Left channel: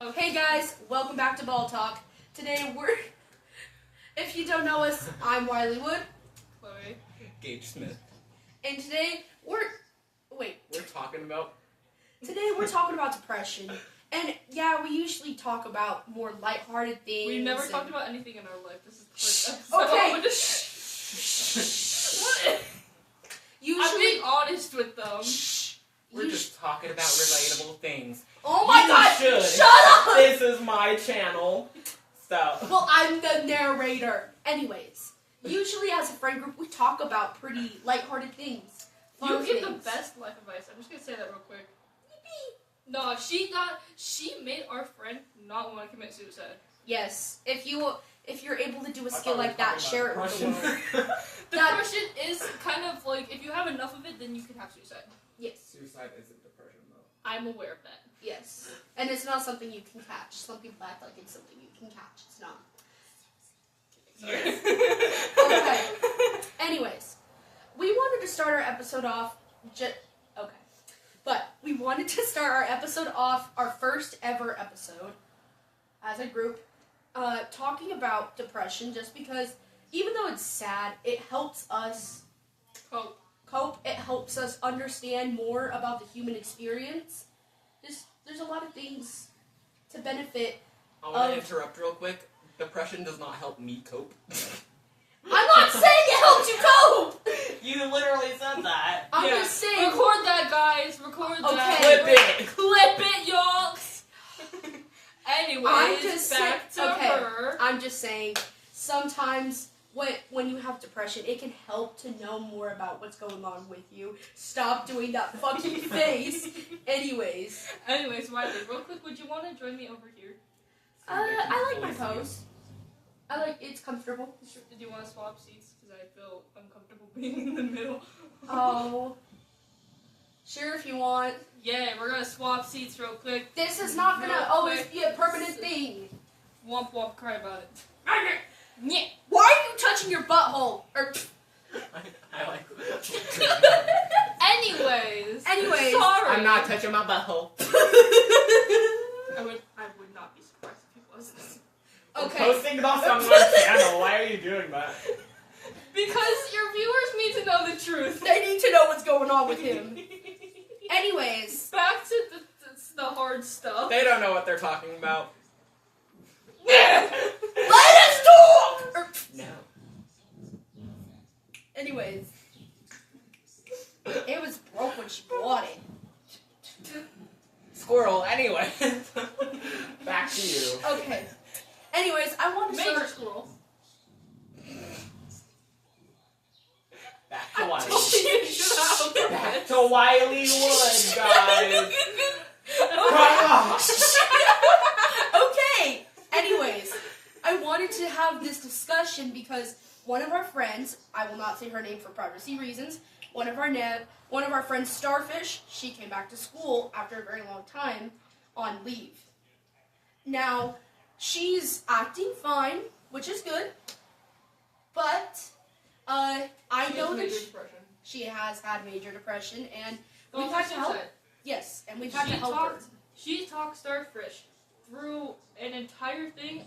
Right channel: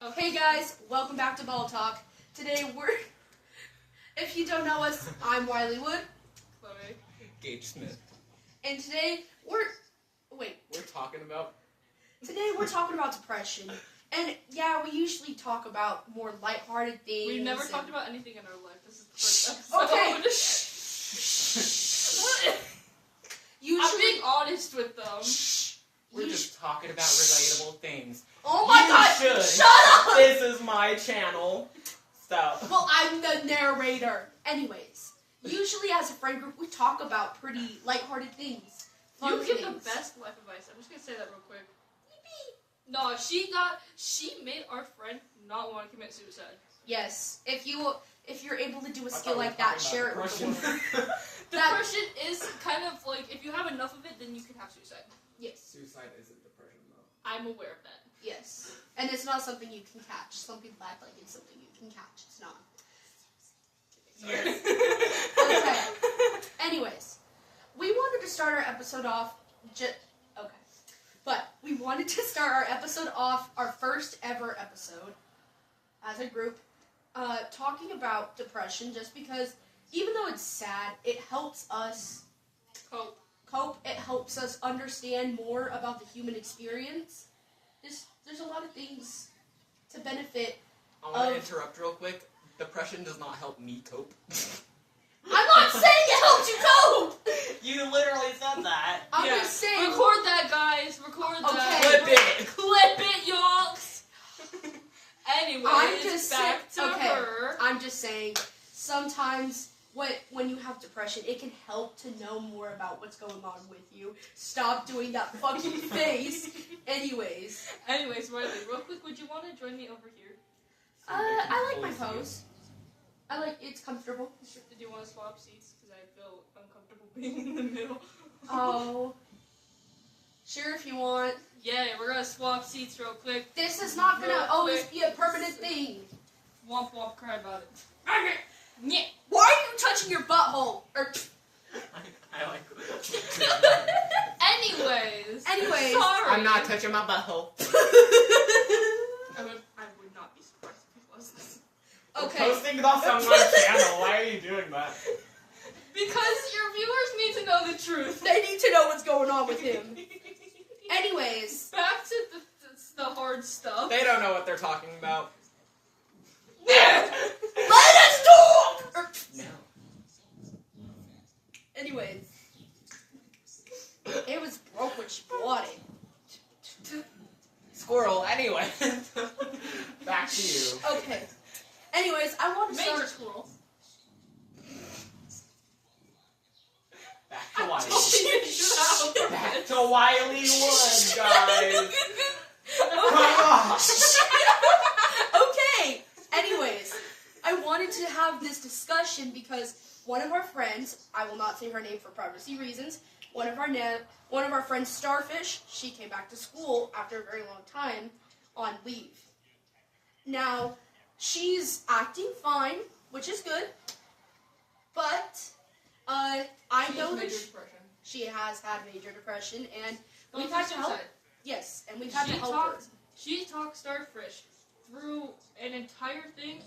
Hey guys, welcome back to Ball Talk. Today if you don't know us, I'm Wiley Wood. Chloe. Gage Smith. And today Today we're talking about depression. And yeah, we usually talk about more lighthearted things. We've never talked about anything in our life. This is the first episode. Okay. I'm being honest with them. We're just talking about relatable things. Oh my god! Should. Shut up! This is my channel. So. Well, I'm the narrator. Anyways, usually as a friend group, we talk about pretty lighthearted things. You give the best life advice. I'm just gonna say that real quick. No, she made our friend not want to commit suicide. Yes, if you're able to do a skill like that, share it with the world. Depression is kind of like, if you have enough of it, then you can have suicide. Yes. Suicide isn't depression, though. I'm aware of that. Yes. And it's not something you can catch. Some people act like it's something you can catch. It's not. Yes. Okay. Anyways, we wanted to start our episode off But we wanted to start our episode off, our first ever episode, as a group, talking about depression, just because, even though it's sad, it helps us cope. It helps us understand more about the human experience. There's a lot of things to benefit. I want to interrupt real quick. Depression does not help me cope. I'm not saying it helps you cope! You literally said that. I'm just saying. Record that, guys. Record that. Clip it. Clip it, y'all. Anyways, back to her. I'm just saying, sometimes when you have depression, it can help to know more about what's going on with you. Stop doing that fucking face. Anyways, Wiley, real quick, would you want to join me over here? I like my pose. It's comfortable. Do you want to swap seats? Because I feel uncomfortable being in the middle. Oh. Sure, if you want. Yeah, we're going to swap seats real quick. This is not going to always be a permanent thing. Womp womp, cry about it. Why are you touching your butthole? I like Anyways. Sorry. I'm not touching my butthole. I would not be surprised if it was. Okay. I'm posting it off on my channel. Why are you doing that? Because your viewers need to know the truth. They need to know what's going on with him. Anyways. Back to the hard stuff. They don't know what they're talking about. Let us talk! No. Anyways. It was broke when she bought it. Squirrel, anyway. Back to you. Okay. Anyways, I want to Major start... squirrel. Back to Wiley. Back Back to Wiley Wood, guys. Okay. Anyways, I wanted to have this discussion because one of our friends, I will not say her name for privacy reasons, one of our friends, Starfish, she came back to school after a very long time on leave. Now, she's acting fine, which is good, but I know that she has had major depression, and we've had to help. Yes, and we've had to help her. She talked Starfish through an entire thing.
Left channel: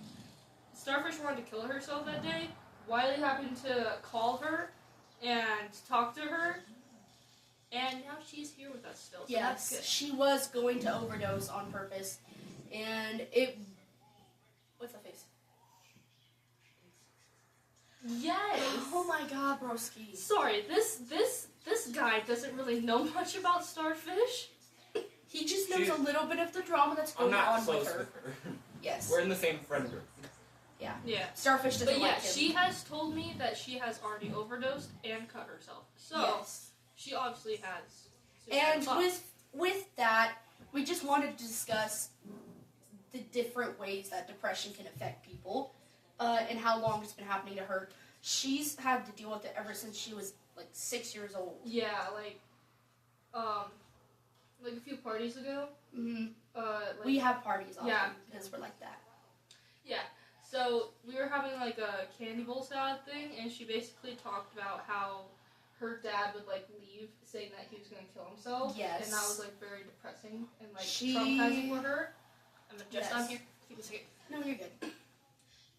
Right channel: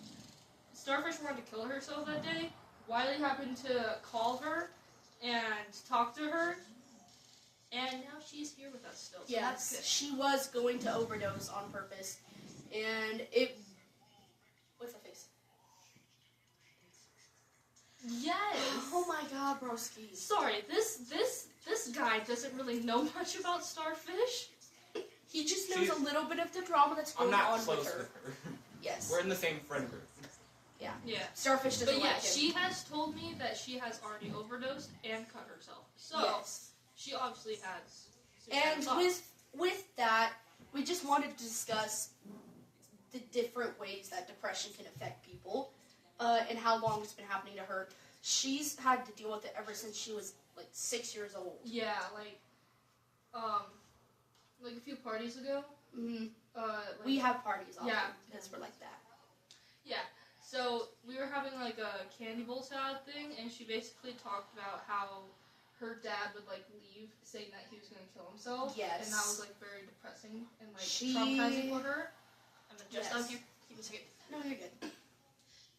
Starfish wanted to kill herself that day. Wiley happened to call her and talk to her, and now she's here with us still. So Yes, she was going to overdose on purpose, and it... What's that face? Yes. Oh my god, broski. Sorry, this guy doesn't really know much about Starfish. He just knows a little bit of the drama that's going on close with her. Yes. We're in the same friend group. Yeah. Starfish doesn't like him. She has told me that she has already overdosed and cut herself. So, yes. She obviously has. And with that, we just wanted to discuss the different ways that depression can affect people, and how long it's been happening to her. She's had to deal with it ever since she was, 6 years old. Yeah, a few parties ago. Mm-hmm. We have parties often because we're like that. Yeah. So, we were having, a candy bowl salad thing, and she basically talked about how her dad would, leave, saying that he was going to kill himself. Yes. And that was, very depressing and, traumatizing for her. I'm just Yes. on here. It's okay. No, you're good.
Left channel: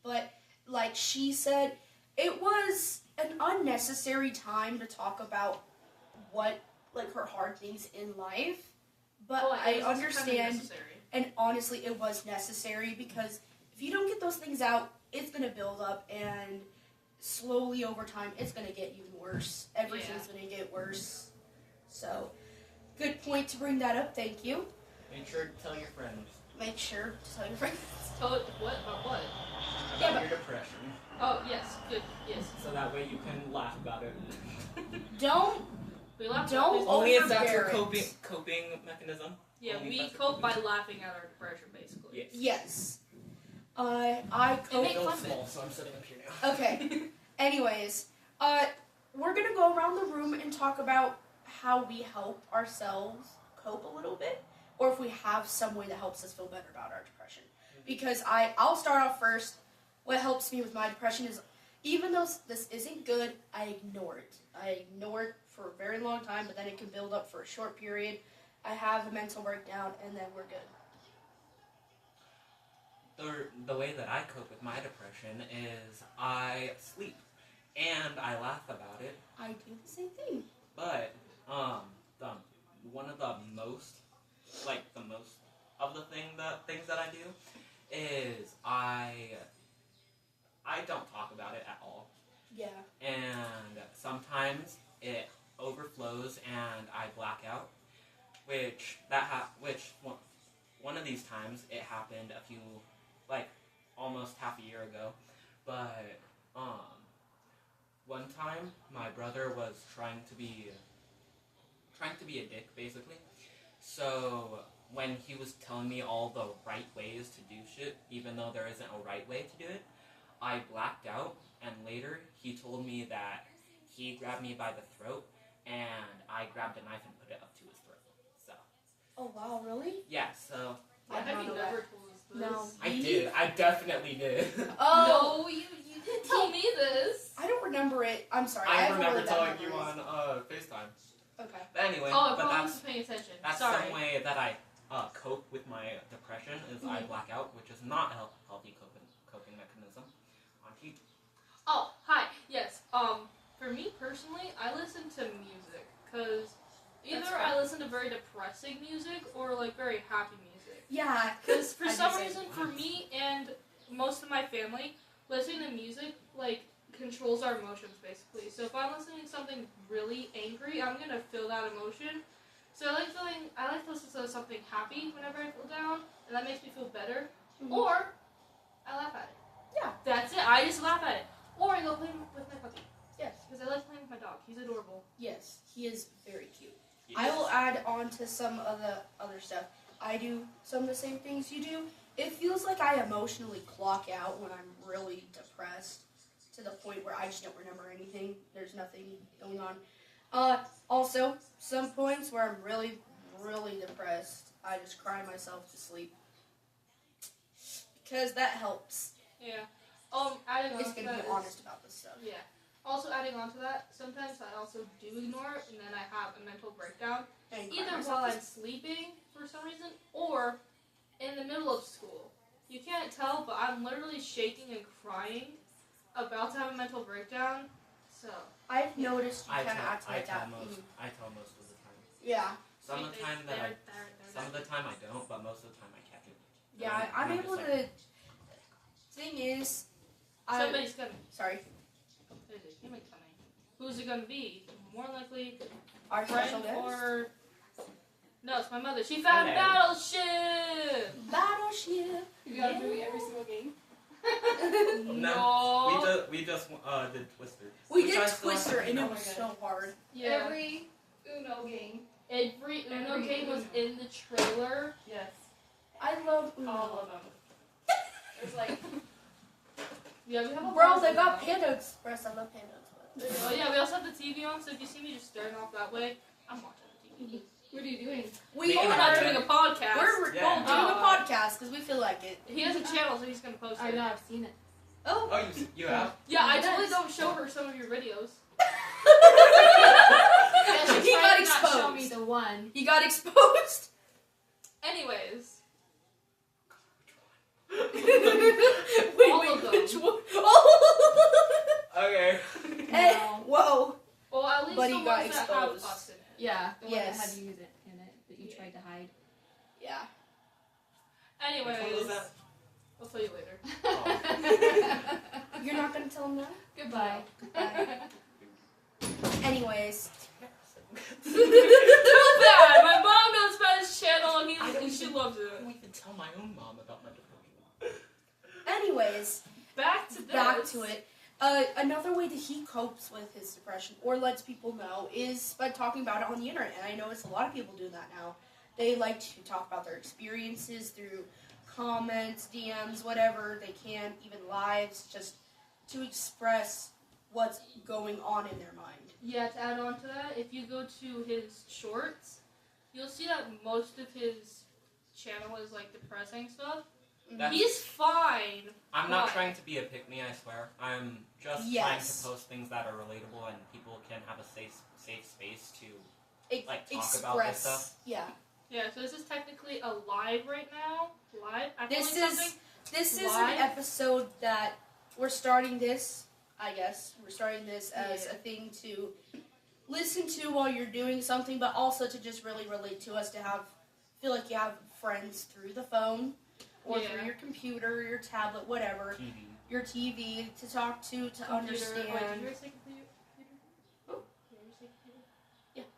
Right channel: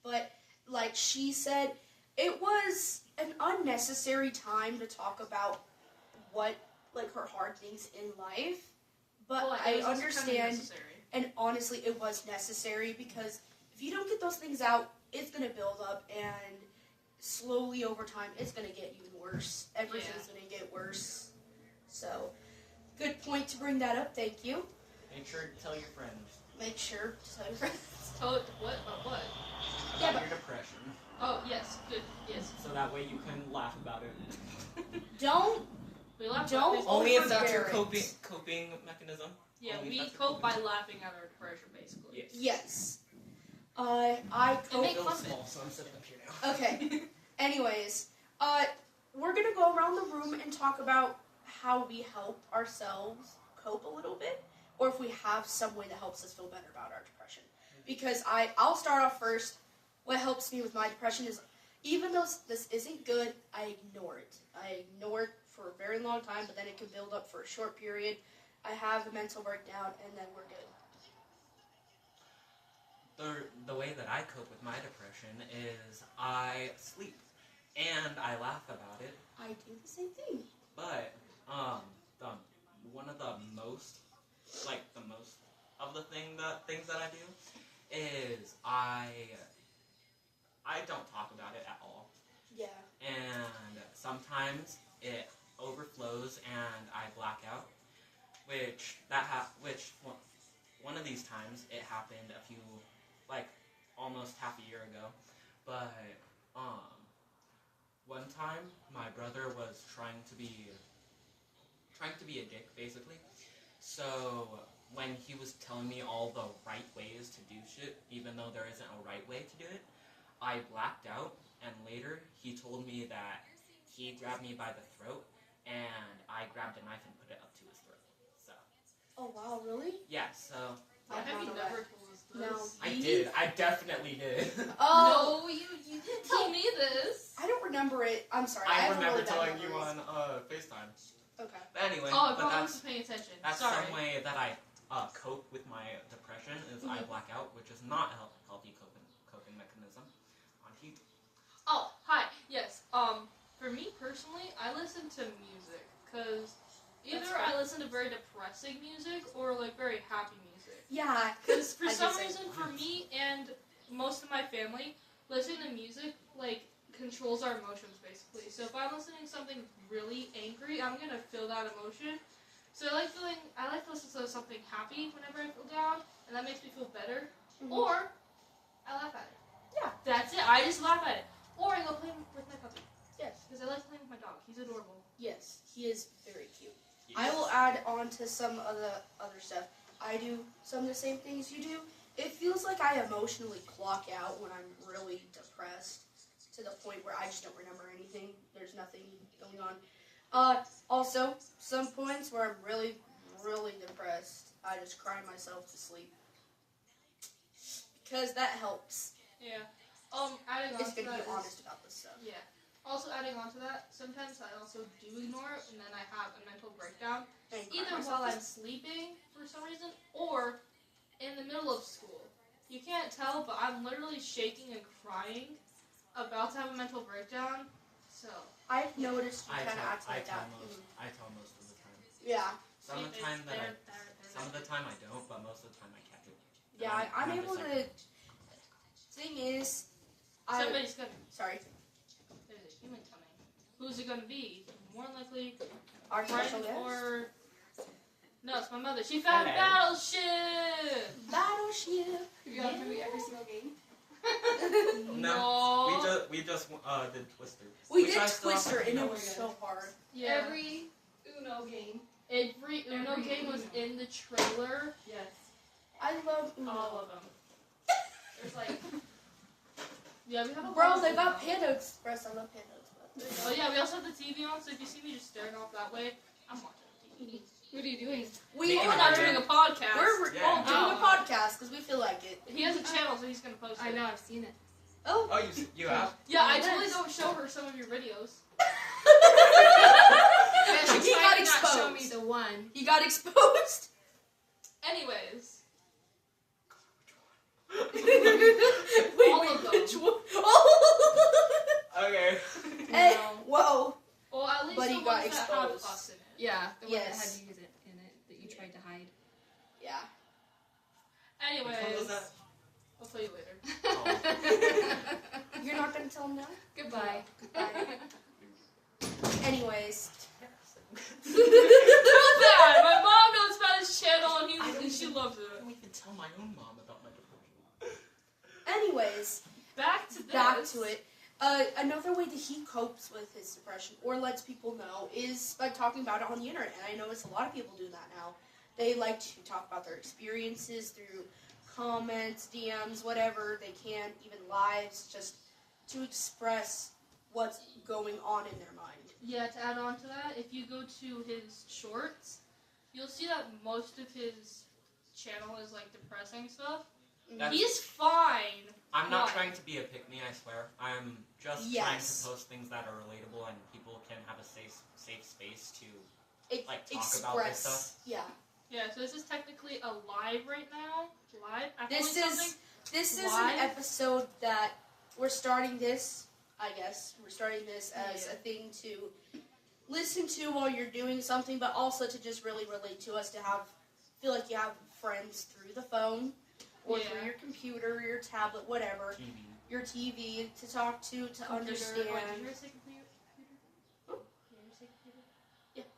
But like she said, it was an unnecessary time to talk about what like her hard things in life. But Well, I it was also kind of understand, necessary. and honestly, it was necessary because if you don't get those things out, it's gonna build up, and slowly over time, it's gonna get even worse. Everything's gonna get worse. So, good point to bring that up. Thank you. Make sure to tell your friends Make sure to tell your friends. Tell it what about what? Yeah, about but- your depression, Oh yes, good. Yes. so that way you can laugh about it. Don't. We laugh. Don't At Only if that's your overbear it. coping mechanism. Yeah, Only if we that's your cope by coping- laughing at our depression, basically. Yes. Yes. I cope. make Feels fun of it. small, so I'm sitting up here now. Okay. Anyways, we're gonna go around the room and talk about how we help ourselves cope a little bit, or if we have some way that helps us feel better about our depression. Because I'll start off first. What helps me with my depression is, even though this isn't good, I ignore it. I ignore it for a very long time, but then it can build up for a short period. I have a mental breakdown, and then we're good. The way that I cope with my depression is I sleep and I laugh about it. I do the same thing. But the one of the most of the things that I do is I don't talk about it at all. Yeah. And sometimes it overflows and I black out, which one of these times it happened almost half a year ago. But one time my brother was trying to be a dick, basically. So when he was telling me all the right ways to do shit, even though there isn't a right way to do it, I blacked out, and later he told me that he grabbed me by the throat, and I grabbed a knife and put it up to his throat. So. Oh wow, really? Yeah, so. I Have don't you know never that. told us this? No. I did. I definitely did. Oh. No, you didn't tell me this. I don't remember it. I'm sorry. I have a remember really bad telling you memory. on FaceTime. Okay. But anyway, Oh, I but probably that's wasn't paying attention. that's Sorry. some way that I cope with my depression is I black out, which is not a healthy coping mechanism. On heat. Oh, hi. Yes. For me personally, I listen to music because either That's I listen to very depressing music or like very happy music. Yeah. Because for I do some the same. reason, for me and most of my family, listening to music like controls our emotions basically. So if I'm listening to something really angry, I'm gonna feel that emotion. So I like to listen to something happy whenever I feel down, and that makes me feel better. Mhm. Or I laugh at it. Yeah. That's it. I just laugh at it. Or I go play with my puppy. Yes. Because I like playing with my dog. He's adorable. Yes. He is very cute. Yes. I will add on to some of the other stuff. I do some of the same things you do. It feels like I emotionally clock out when I'm really depressed to the point where I just don't remember anything. There's nothing going on. Also, some points where I'm really, really depressed, I just cry myself to sleep. Because that helps. Yeah. Adding on It's to good to that be is- honest about this stuff. Yeah. Also adding on to that, sometimes I also do ignore it, and then I have a mental breakdown. And cry Either myself while to I'm sleeping for some reason, or in the middle of school. You can't tell, but I'm literally shaking and crying about to have a mental breakdown. So I've noticed you I kind of tell, act I like tell that. most. Mhm. I tell most of the time. Yeah. Some of the time that I, some of the There. time I don't, but most of the time I catch it. Yeah, And I'm I'm able just to. Thing is, Somebody's coming. sorry, There's a human coming. Who's it gonna be? More likely, our special fighting guest. for. No, it's my mother. She found Hello. battleship. Battleship. You gotta do every single game. No, we just did Twister. We Which did I still have Twister to and do. it was so hard. Yeah. Every Uno game. Every Uno Every game was Uno. in the trailer. Yes. I love Uno. All of them. There's like, Yeah, we have a Bro, lot they of got Uno. Panda Express. I love Panda Express. Oh yeah, we also have the TV on, so if you see me just staring off that way, I'm watching the TV. what are you doing? We Making We're it not are. better. doing a podcast. We're Yeah. doing a Oh. podcast because we feel like it. He has a channel, so he's gonna post it. I know, I've seen it. Oh. Oh, you have? Yeah, I Yes. totally don't show her some of your videos. He got Not show me exposed. the one. He got exposed. Anyways, was that? I'll tell you later. You're not gonna tell him that? Goodbye. Anyways. Too bad. My mom knows about his channel and she loves I it. don't even tell my own mom about my depression. Anyways, Back to this. back to it. Another way that he copes with his depression or lets people know is by talking about it on the internet. And I notice a lot of people do that now. They like to talk about their experiences through comments, DMs, whatever they can, even lives, just to express what's going on in their mind. Yeah, to add on to that, if you go to his shorts, you'll see that most of his channel is like depressing stuff. That's- He's fine. I'm not Why? trying to be a pick-me, I swear. I'm just trying Yes. to post things that are relatable and people can have a safe space to like talk Express. about this stuff. Yeah. Yeah, so this is technically a live right now. Live? I'm This filming is something. this is Live? an episode that we're starting this, I guess. We're starting this as Yeah. a thing to listen to while you're doing something, but also to just really relate to us, to feel like you have friends through the phone or Yeah. through your computer, your tablet, whatever, TV. your TV to talk to Computer. understand. Wait, did you guys say computer? Oh. Did you say computer?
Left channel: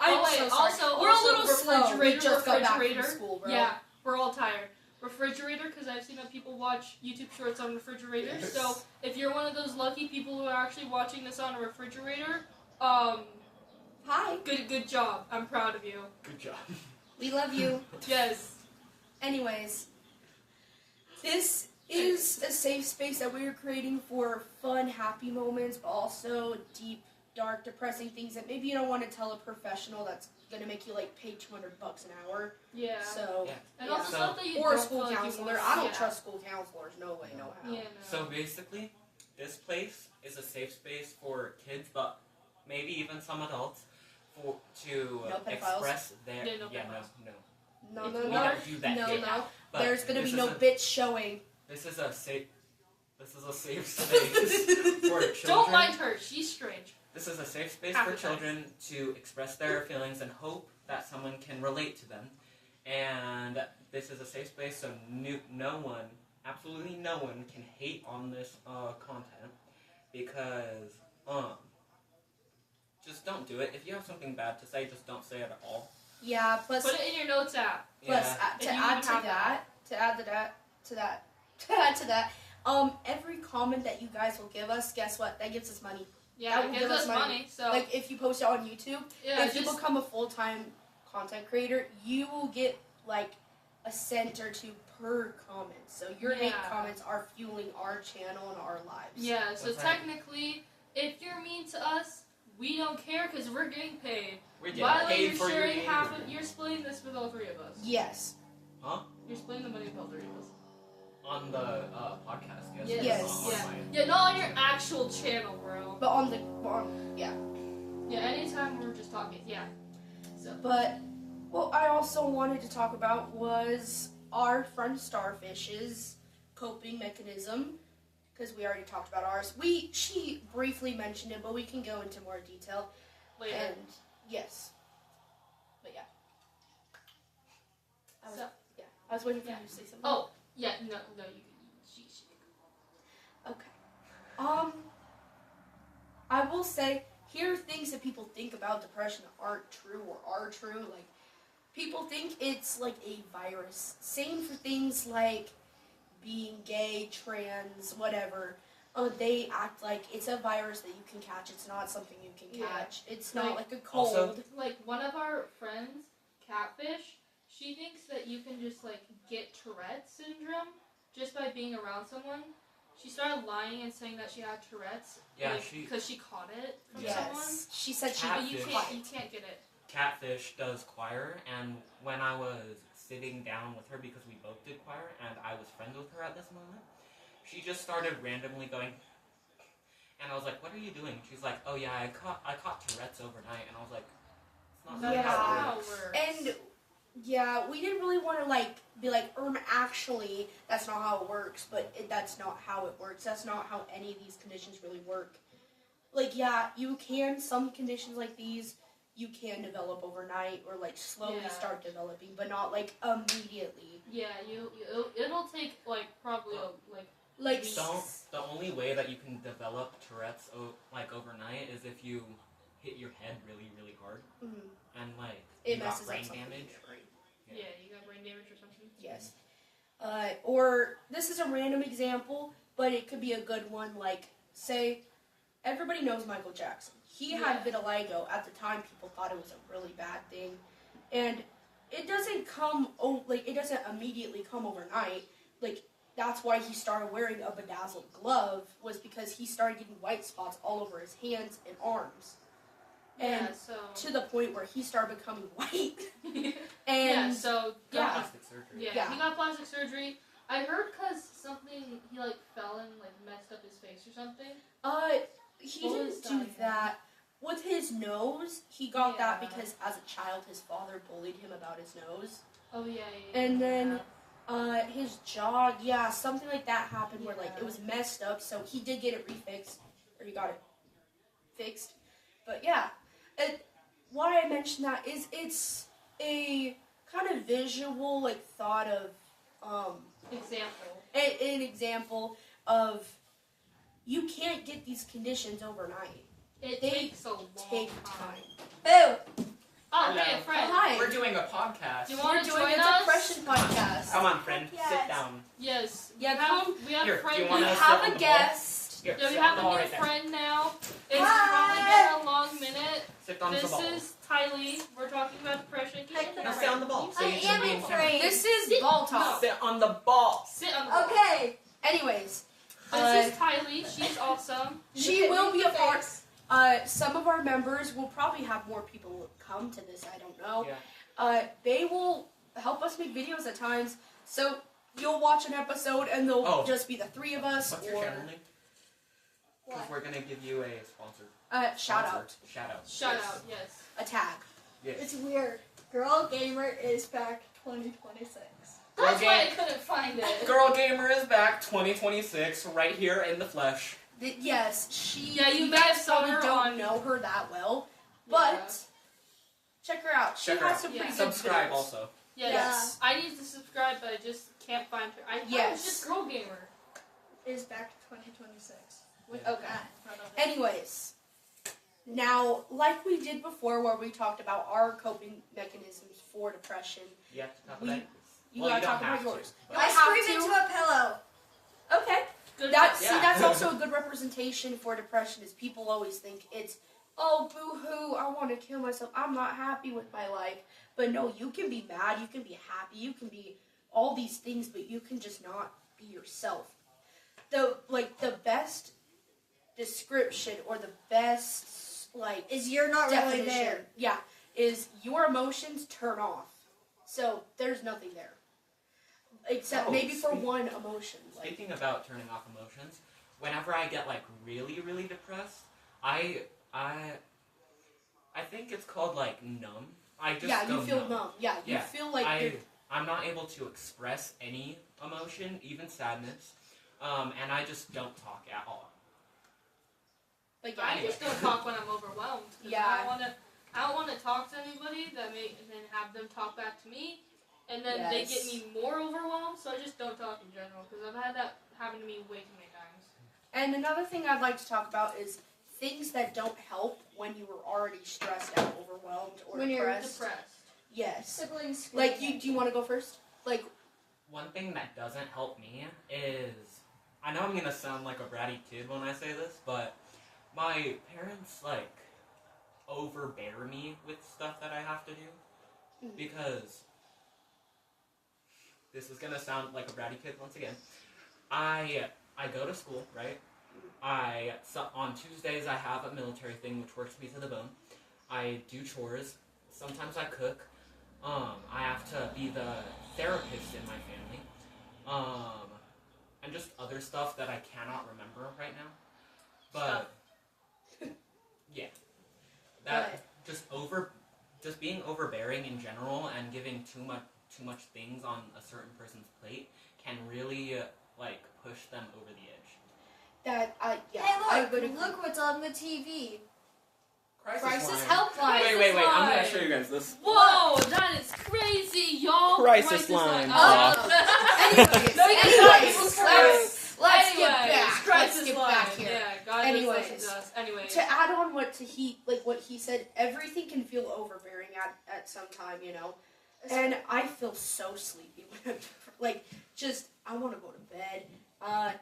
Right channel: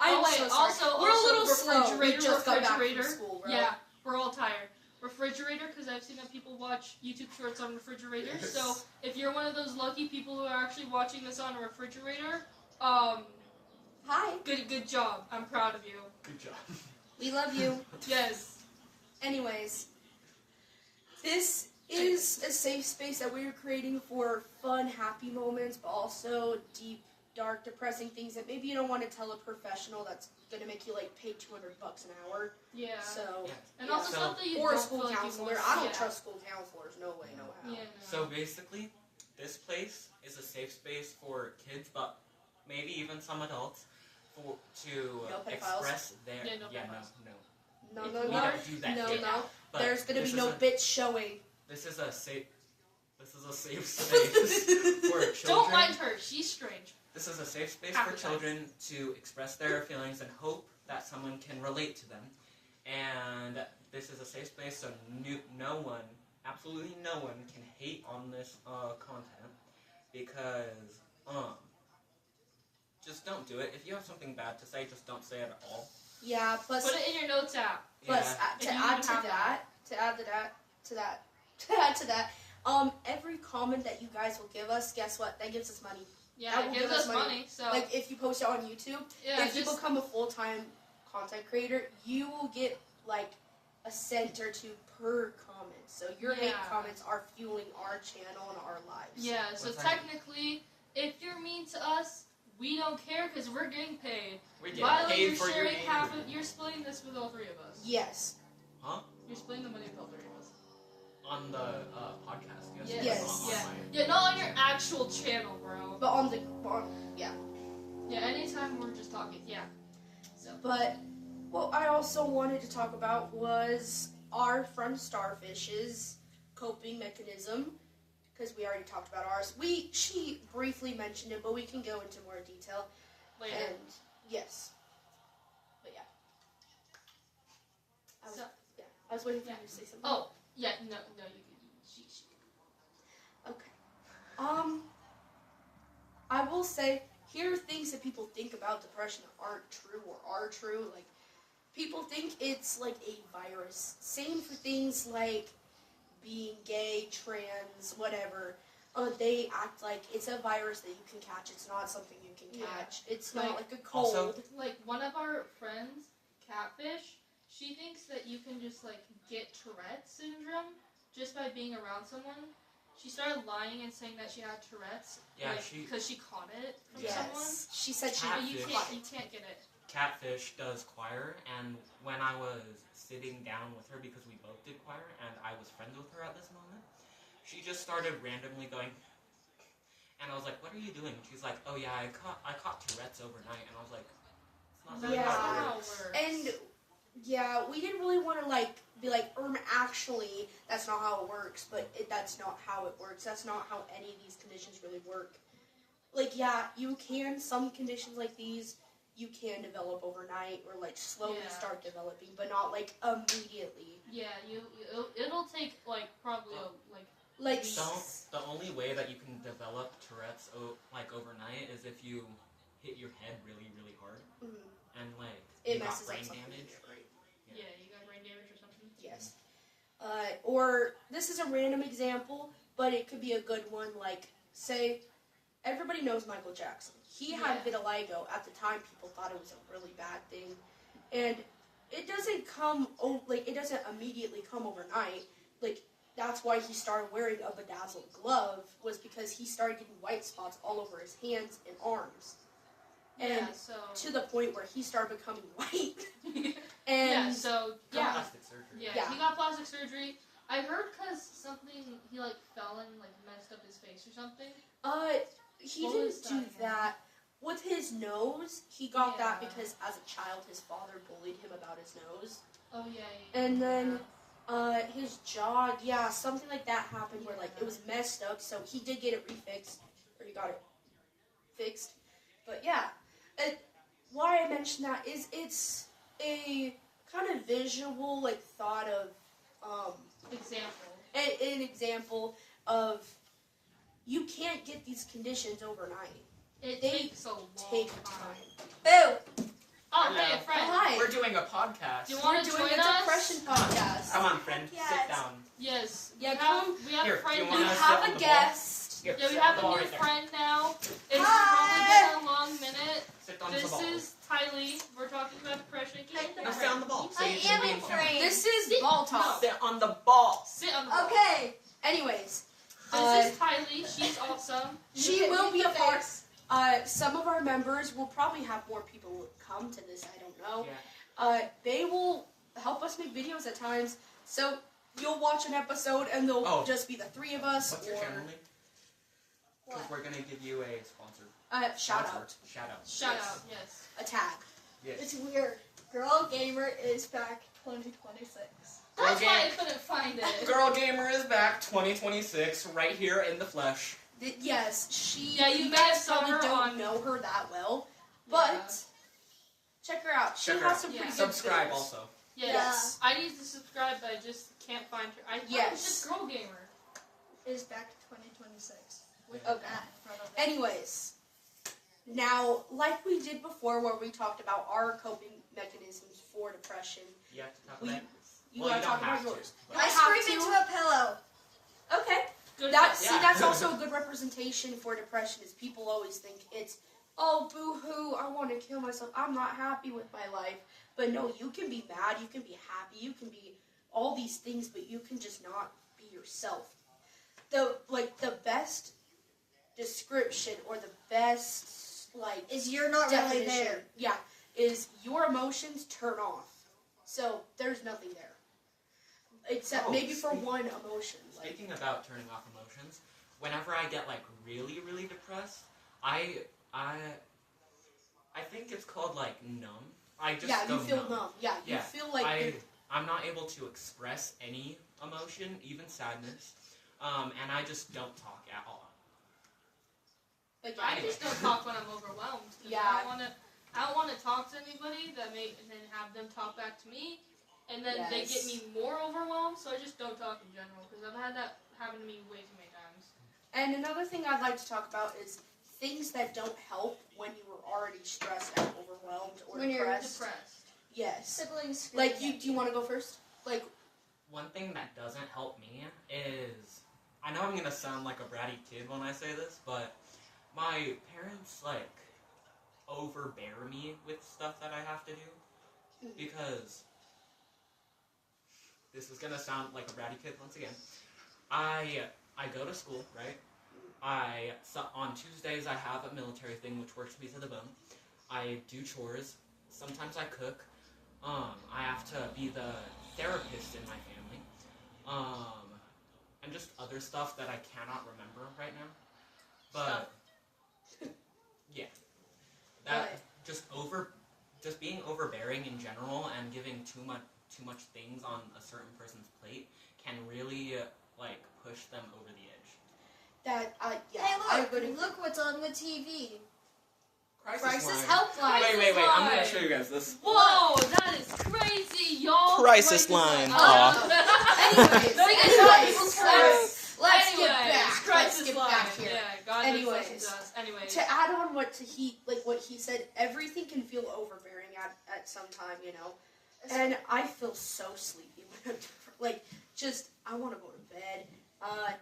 I'm Oh, wait, so sorry. also- We're also a little slow. We refrigerator, just got back from refrigerator. school, bro. Yeah, we're all tired. Refrigerator, because I've seen that people watch YouTube shorts on refrigerators. Yes. So if you're one of those lucky people who are actually watching this on a refrigerator, Hi. good job. I'm proud of you. Good job. We love you. Yes. Anyways, this is a safe space that we are creating for fun, happy moments, but also deep, dark, depressing things that maybe you don't want to tell a professional that's gonna make you like pay $200 an hour. Yeah. So, Yeah. And yeah. also So- stuff that you or a don't school feel like you counselor. want- I don't yeah. trust school counselors. No way, no how. Yeah, no. So basically, this place is a safe space for kids, but maybe even some adults, to No pedophiles? express their Yeah, no pedophiles. No, If no, we We no, don't do that no, here. no. But There's gonna this be is no a- bitch showing. This is a safe. This is a safe space for children. Don't mind her. She's strange. This is a safe space Half for the time. children to express their feelings and hope that someone can relate to them. And this is a safe space so no one, absolutely no one, can hate on this content because just don't do it. If you have something bad to say, just don't say it at all. Yeah. Plus, Put it in your notes app. plus Yeah. to If you add even to have that, to add to that, every comment that you guys will give us, guess what? That gives us money. Yeah, That will it gives give us us money. money. So Like if you post it on YouTube, yeah, if you just- become a full-time content creator, you will get like a cent or two per comment. So your hate Yeah. comments are fueling our channel and our lives. yeah. So What's that? technically, if you're mean to us, we don't care because we're getting paid. We're getting By the way, paid you're for your sharing name. half. You're splitting this with all three of us. Yes. You're splitting the money with all three of us. On the podcast, yes. Yes. Yes. On Yeah. my- Yeah, not on your actual channel, bro. But yeah. Yeah, anytime we're just talking. Yeah. So. But what I also wanted to talk about was our friend Starfish's coping mechanism, because we already talked about ours. She briefly mentioned it, but we can go into more detail. Later. And yes, but yeah, I was waiting for you to say something. Oh, yeah. No, she. Okay. I will say, here are things that people think about depression that aren't true or are true. Like, people think it's like a virus. Same for things like being gay, trans, whatever. They act like it's a virus that you can catch. It's not something you can Yeah. catch. It's not Like, like a cold. also- Like one of our friends, Catfish, she thinks that you can just like get Tourette's syndrome just by being around someone. She started lying and saying that she had Tourette's. Yeah, because she caught it from someone. Yes. She said she But you Catfish. can't get it. Catfish does choir, and when I was sitting down with her because we both did choir, and I was friends with her at this moment, she just started randomly going, and I was like, "What are you doing?" She's like, "Oh yeah, I caught Tourette's overnight," and I was like, "It's not really Yeah. how it How it works." works. And yeah, we didn't really want to be like, actually, that's not how it works, but that's not how it works. That's not how any of these conditions really work. Like, yeah, you can, some conditions like these, you can develop overnight or like slowly Yeah. start developing, but not like immediately. Yeah, it'll take like probably Like The only way that you can develop Tourette's like overnight is if you hit your head really, really hard and like it you got messes up brain something in damage. your brain. yeah, you got brain damage or something. Yes. Or this is a random example, but it could be a good one. Like, say, everybody knows Michael Jackson. He had vitiligo. At the time, people thought it was a really bad thing, and it doesn't it doesn't immediately come overnight. Like, that's why he started wearing a bedazzled glove, was because he started getting white spots all over his hands and arms. And to the point where he started becoming white. And Plastic surgery. Yeah, he got plastic surgery. I heard because something, he like fell and like messed up his face or something. He didn't do that. With his nose, he got that because as a child his father bullied him about his nose. Oh yeah. And then his jaw, something like that happened where like it was messed up, so he did get it refixed, or he got it fixed. But yeah, why I mentioned that is it's a kind of visual like thought of an example of you can't get these conditions overnight. They takes a long time. Boo! Oh, Hello. hey, friend. Hi. We're doing a podcast. Do you We're want to doing join a us? depression podcast. Come on, friend. Yes. Sit down. Yes. Yeah, We have Here, a friend. do you We wanna sit have on a the guest. Here, Yeah, sit we on have the a ball new right there. friend now. It's probably been a long minute. Sit on the This ball. is Tylee. We're talking about depression. Now sit on the ball. So I you can am be in in camera. frame. This is ball talk. Sit on the ball. Sit on the ball. Okay. Anyways, This is Tylee. She's awesome. she will be a part. Face. Some of our members will probably have more people come to this. I don't know. Yeah. They will help us make videos at times. So you'll watch an episode and they'll just be the three of us. What's your channel name? Because we're gonna give you a sponsor. Shout out. Shout out. Shout out. Yes. A tag. Yes. It's weird. Girl Gamer is back 2026. That's Okay. why I couldn't find it. Girl Gamer is back 2026 right here in the flesh. Yes, she. Yeah, you you guys guys saw probably her don't on- know her that well, but check her out. She Check her has out. some pretty good Subscribe videos. also. Yes. I need to subscribe, but I just can't find her. I thought it was just Girl Gamer. Is back 2026. With Okay. that in front of it. Anyways, now, like we did before, where we talked about our coping mechanisms for depression, You have to talk We- about it. you Well, gotta you talk don't about have to, yours. but- I I have scream to. into a pillow. Okay. Good That job. see, Yeah. that's also a good representation for depression. Is people always think it's, oh, boo-hoo, I want to kill myself. I'm not happy with my life. But no, you can be mad. You can be happy. You can be all these things, but you can just not be yourself. The best description or the best Is you're not really definition, there. yeah, is your emotions turn off. So there's nothing there. Except Oh, maybe for speak- one emotion. Like, Speaking about turning off emotions, whenever I get like really, really depressed, I think it's called like numb. I just yeah, go you feel numb. numb. Yeah, you Yeah, feel like you're I'm not able to express any emotion, even sadness, and I just don't talk at all. like I Anyway. just don't talk when I'm overwhelmed. 'Cause Yeah. I don't want to talk to anybody and then have them talk back to me, and then they get Yes. me more overwhelmed. So I just don't talk in general because I've had that happen to me way too many times. And another thing I'd like to talk about is things that don't help when you were already stressed out, overwhelmed, or When you're depressed. Depressed. Yes. Siblings. Like screaming. do you want to go first? Like, One thing that doesn't help me is, I know I'm gonna sound like a bratty kid when I say this, but my parents like overbear me with stuff that I have to do Mhm. because this is gonna sound like a bratty kid once again. I go to school, right? On Tuesdays I have a military thing which works me to the bone. I do chores. Sometimes I cook. I have to be the therapist in my family. And just other stuff that I cannot remember right now. But yeah. That just being overbearing in general and giving too much things on a certain person's plate can really like push them over the edge. that, yeah, Hey, I look! would agree. Look what's on the TV. Crisis line. helpline. Wait. I'm line. gonna show you guys this. Whoa, that is crazy, y'all. Crisis line. Anyways, No, let's get Anyways, back. Let's crisis get line. back here. Yeah, God Anyways. listens to us. Anyways. To add on what he said, everything can feel overbearing at some time, you know. And I feel so sleepy when I'm just I want to go to bed.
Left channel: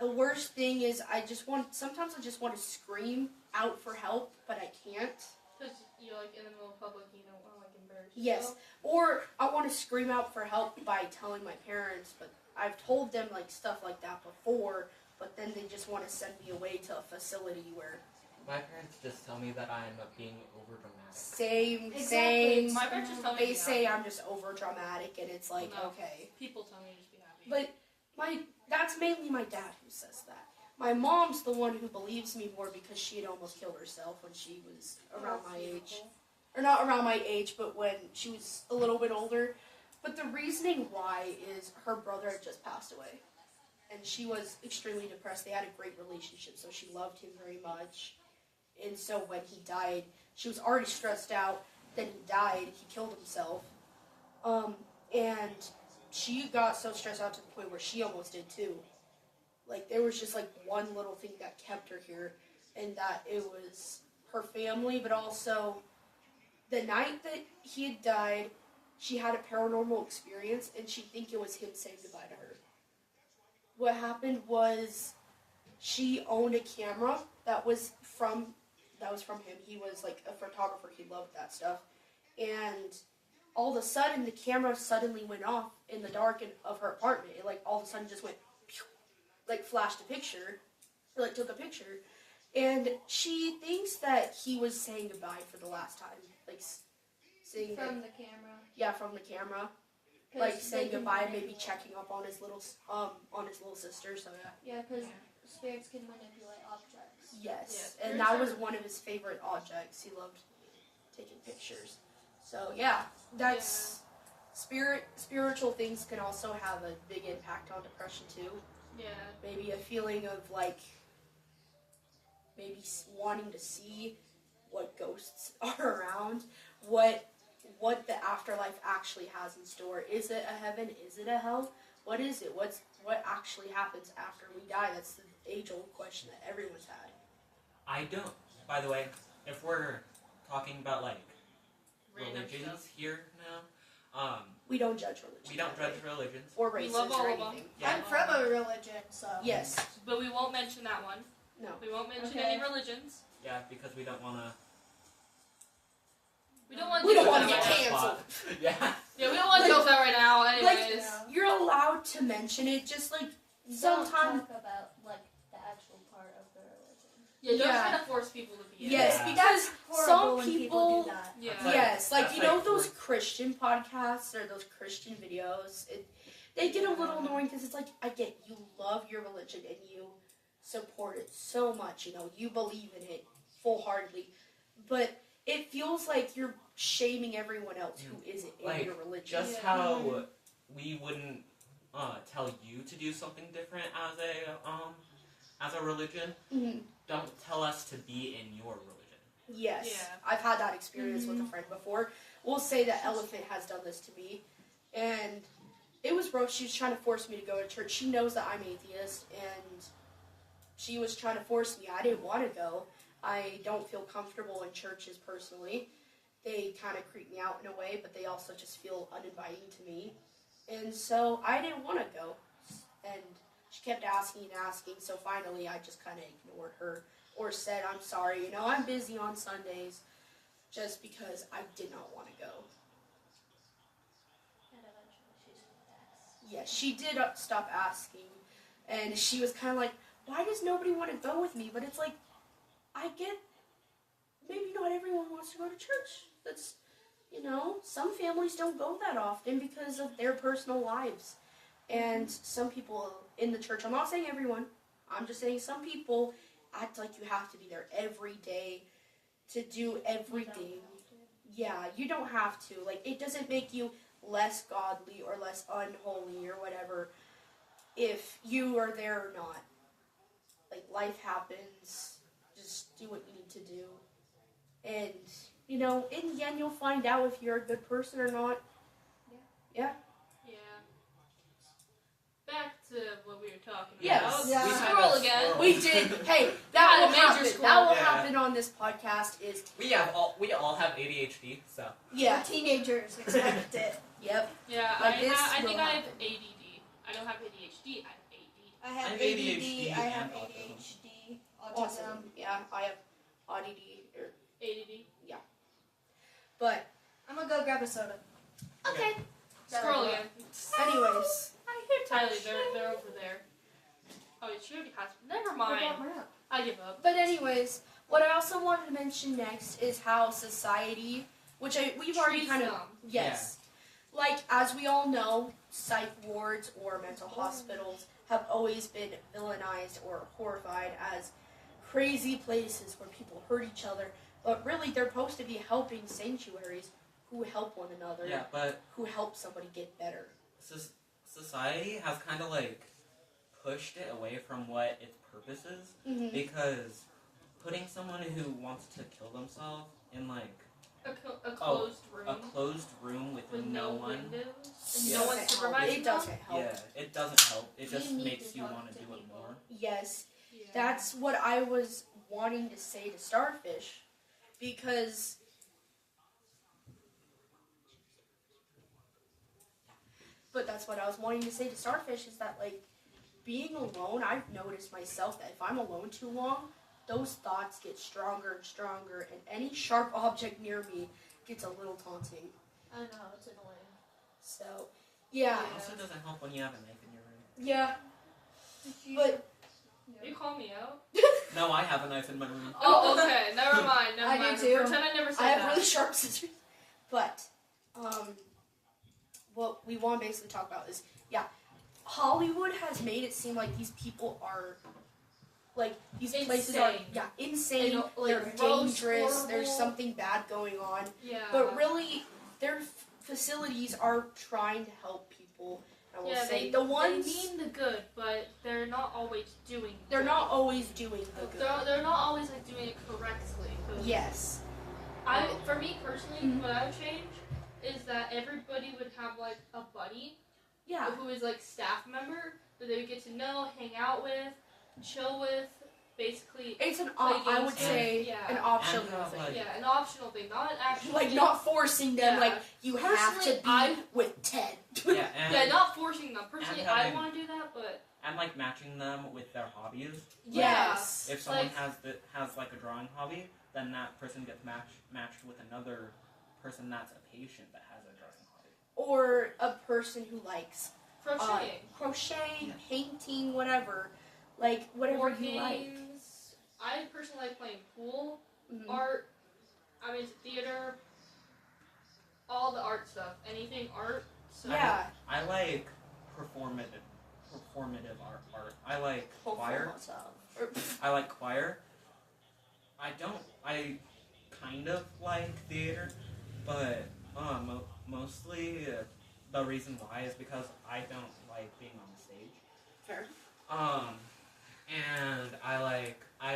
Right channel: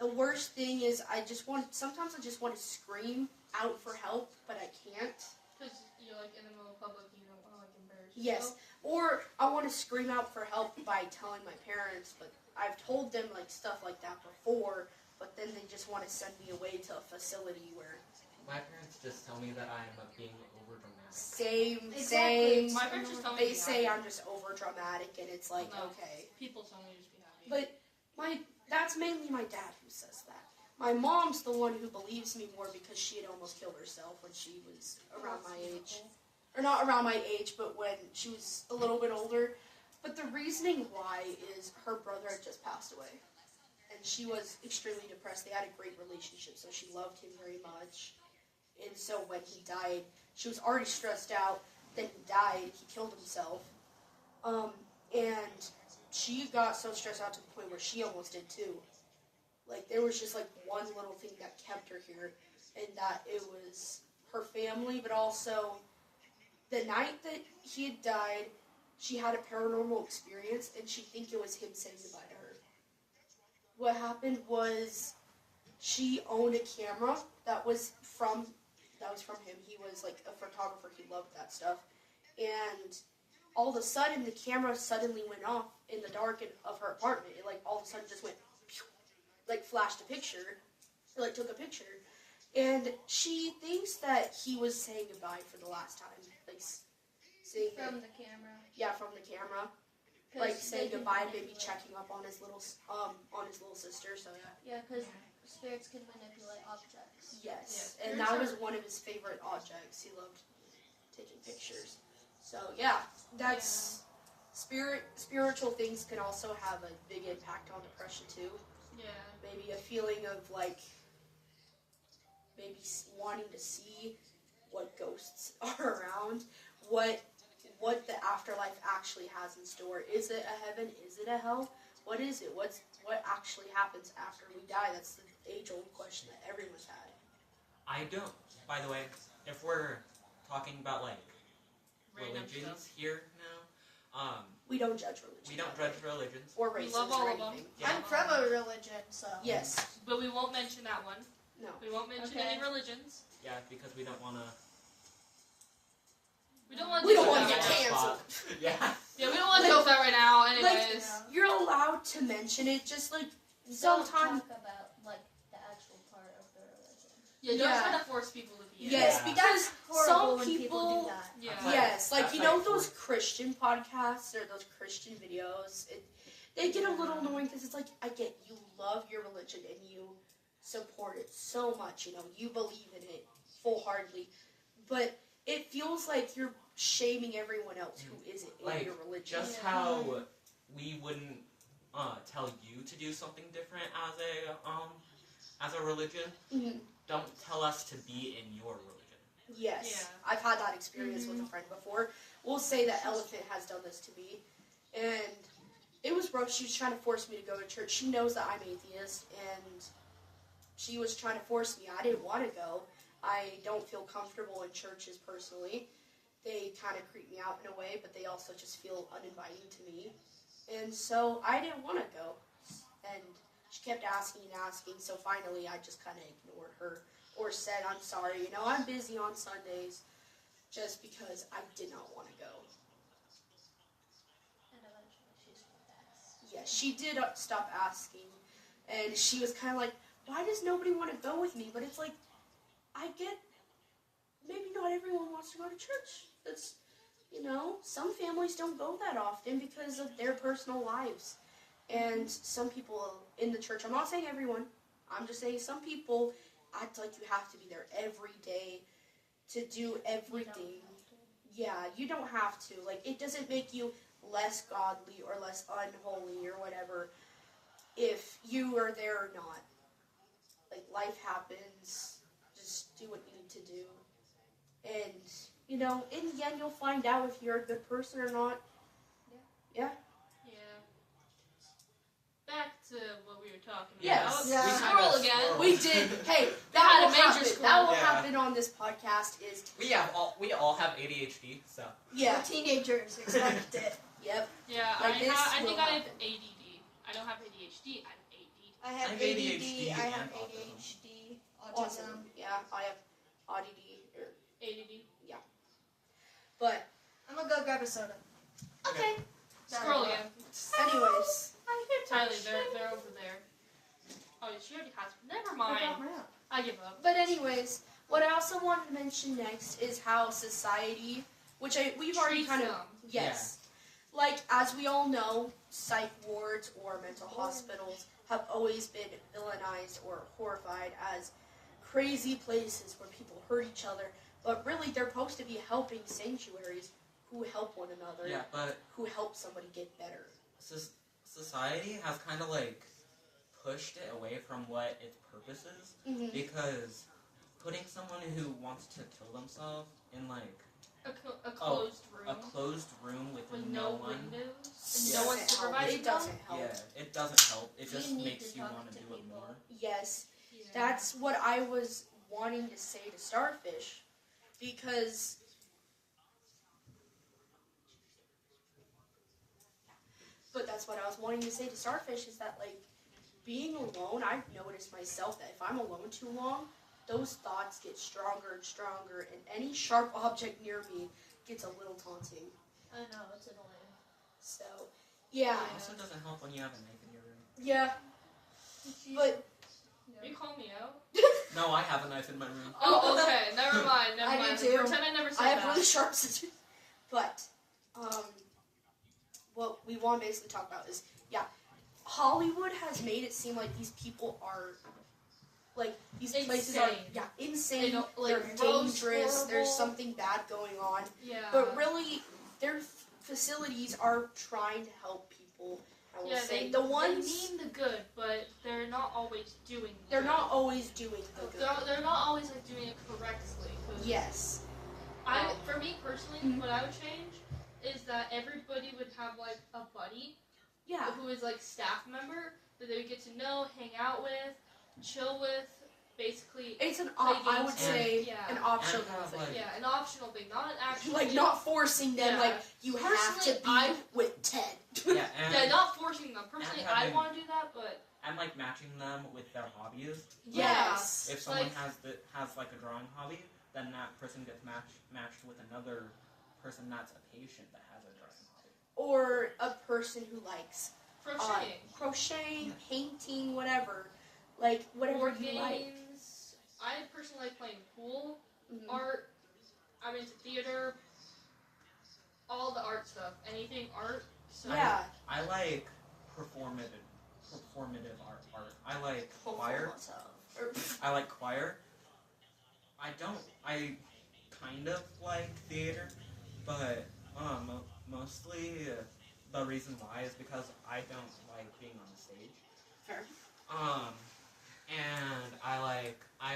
The worst thing is sometimes I just want to scream out for help, but I can't. Because you're like in the middle of public, you don't want to like embarrass Yes. yourself. Or I want to scream out for help by telling my parents, but I've told them like stuff like that before, but then they just want to send me away to a facility where My parents just tell me that I'm being over dramatic. same. My parents just tell me to They be say happy. I'm just over dramatic, and it's like, No. okay. People tell me to just be happy. But that's mainly my dad who says that. My mom's the one who believes me more because she had almost killed herself when she was around my age. Or not around my age, but when she was a little bit older. But the reasoning why is her brother had just passed away. And she was extremely depressed. They had a great relationship, so she loved him very much. And so when he died, she was already stressed out. Then he died. He killed himself. And she got so stressed out to the point where she almost did too. Like, there was just like one little thing that kept her here, and that it was her family, but also the night that he had died, she had a paranormal experience, and she'd think it was him saying goodbye to her. What happened was she owned a camera that was from him. He was like a photographer. He loved that stuff. And all of a sudden, the camera suddenly went off in the dark of her apartment. It all of a sudden just went, pew, flashed a picture, took a picture. And she thinks that he was saying goodbye for the last time. Saying From the camera. Yeah, from the camera. 'Cause Saying they can goodbye, maybe manipulate. checking up on his little sister, so yeah. Yeah, because spirits can manipulate objects. Yes, Yeah, and that was one of his favorite objects. He loved taking pictures. So yeah, that's spiritual things can also have a big impact on depression too. Yeah. Maybe a feeling of maybe wanting to see what ghosts are around, what the afterlife actually has in store. Is it a heaven? Is it a hell? What is it? What actually happens after we die? That's the age-old question that everyone's had. I don't. By the way, if we're talking about Random religions stuff. here now, We don't judge religion. we don't judge religions. or We races love all or of them. anything. Yeah. I'm from a religion, so. Yes. But we won't mention that one. No. We won't mention Okay. any religions. Yeah, because we don't want to. We don't want We don't to want to get that. canceled. Yeah. Yeah, we don't want to go with that right now. Anyways. Yeah. You're allowed to mention it, just Don't sometimes. talk about the actual part of the religion. Yeah, don't Yeah. try to force people to be in Yes, it. Yeah. because Horrible some when people do that. Yeah. yes, That's you know like those Christian podcasts or those Christian videos. They get a little annoying because it's I get you love your religion and you support it so much. You believe in it full-heartedly, but it feels like you're shaming everyone else who isn't in your religion. Just how we wouldn't tell you to do something different as a religion. Mhm. Don't tell us to be in your religion. Yes, Yeah. I've had that experience with a friend before. We'll say that Elephant has done this to me, and it was rough. She was trying to force me to go to church. She knows that I'm atheist, and she was trying to force me. I didn't want to go. I don't feel comfortable in churches personally. They kind of creep me out in a way, but they also just feel uninviting to me. And so I didn't want to go. And she kept asking and asking, so finally I just kind of ignored her or said, I'm sorry, I'm busy on Sundays, just because I did not want to go. And eventually she's going to ask. Yeah, she did stop asking, and she was kind of like, why does nobody want to go with me? But it's I get, maybe not everyone wants to go to church. That's, some families don't go that often because of their personal lives. And some people in the church, I'm not saying everyone, I'm just saying some people act like you have to be there every day to do everything. Yeah, you don't have to. It doesn't make you less godly or less unholy or whatever if you are there or not. Life happens. Just do what you need to do. And, in the end, you'll find out if you're a good person or not. Yeah. Back to what we were talking Yes. about. Yeah. We We squirrel had a again. squirrel. We did. Hey, that Had a will major happen. squirrel. That will Yeah. happen on this podcast. Is We all have ADHD, so yeah, We're teenagers, expect it. yep. Yeah, Like this I think will I have happen. ADD. I don't have ADHD. I have AD. I have I have ADD, ADHD I have and autism. ADHD, Awesome. autism. Yeah, I have ADD. ADD. But I'm gonna go grab a soda. okay. Squirrel again. Anyways, I hear Tyler. They're over there. Oh, she already has. Never mind. I give up. but anyways, what I also wanted to mention next is how society, which we've already Treats kind of them. yes, like as we all know, psych wards or mental hospitals have always been villainized or horrified as crazy places where people hurt each other. But really, they're supposed to be helping sanctuaries who help one another, yeah. But who help somebody get better. society has kind of like pushed it away from what its purpose is, Mm-hmm. because putting someone who wants to kill themselves in like A closed room. a closed room with no one. windows and Yeah. no one Doesn't help. supervising It doesn't help. Yeah, it doesn't help. It You just need makes to you talk want to to do it people. more. Yes, Yeah. that's what I was wanting to say to Starfish, because that's what I was wanting to say to Starfish is that, like, being alone, I've noticed myself that if I'm alone too long, those thoughts get stronger and stronger, and any sharp object near me gets a little taunting. I know, it's annoying. So, yeah. It also doesn't help when you have a knife in your room. Yeah. But You call me out? No, I have a knife in my room. Oh, okay. Never mind. Never I do mind. too. Pretend I never said I have that. really sharp scissors. But, what we want to basically talk about is, Hollywood has made it seem like these people are, like, these places are, Insane. insane. They don't, like, They're roast dangerous. There's horrible. something bad going on. Yeah. But really, their facilities are trying to help people. I will say they the ones mean the good, but they're not always doing. they're good. not always doing the good. They're not always like doing it correctly. 'Cause Yes. for me personally, Mhm. what I would change is that everybody would have like a buddy Yeah. who is like staff member that they would get to know, hang out with, chill with, basically. It's an Play I would games. say Yeah. an optional And have, thing. like- Yeah, an optional thing, not an actual. Like not forcing them. Yeah. Like you have to Personally, be I- with Ted. Yeah, and Yeah, not forcing them. Personally, and I having- want to do that, but and like matching them with their hobbies. Yes. If someone Like- has like a drawing hobby, then that person gets matched with another person that's a patient that has a drawing hobby. Or a person who likes crocheting. crocheting, painting, whatever. Like whatever Board you like. games. I personally like playing pool, Mhm. art. I'm into theater. All the art stuff. Anything art. So Yeah. I like performative art. I like choir. I like choir. I kind of like theater, but mostly the reason why is because I don't like being on the stage. Fair. And I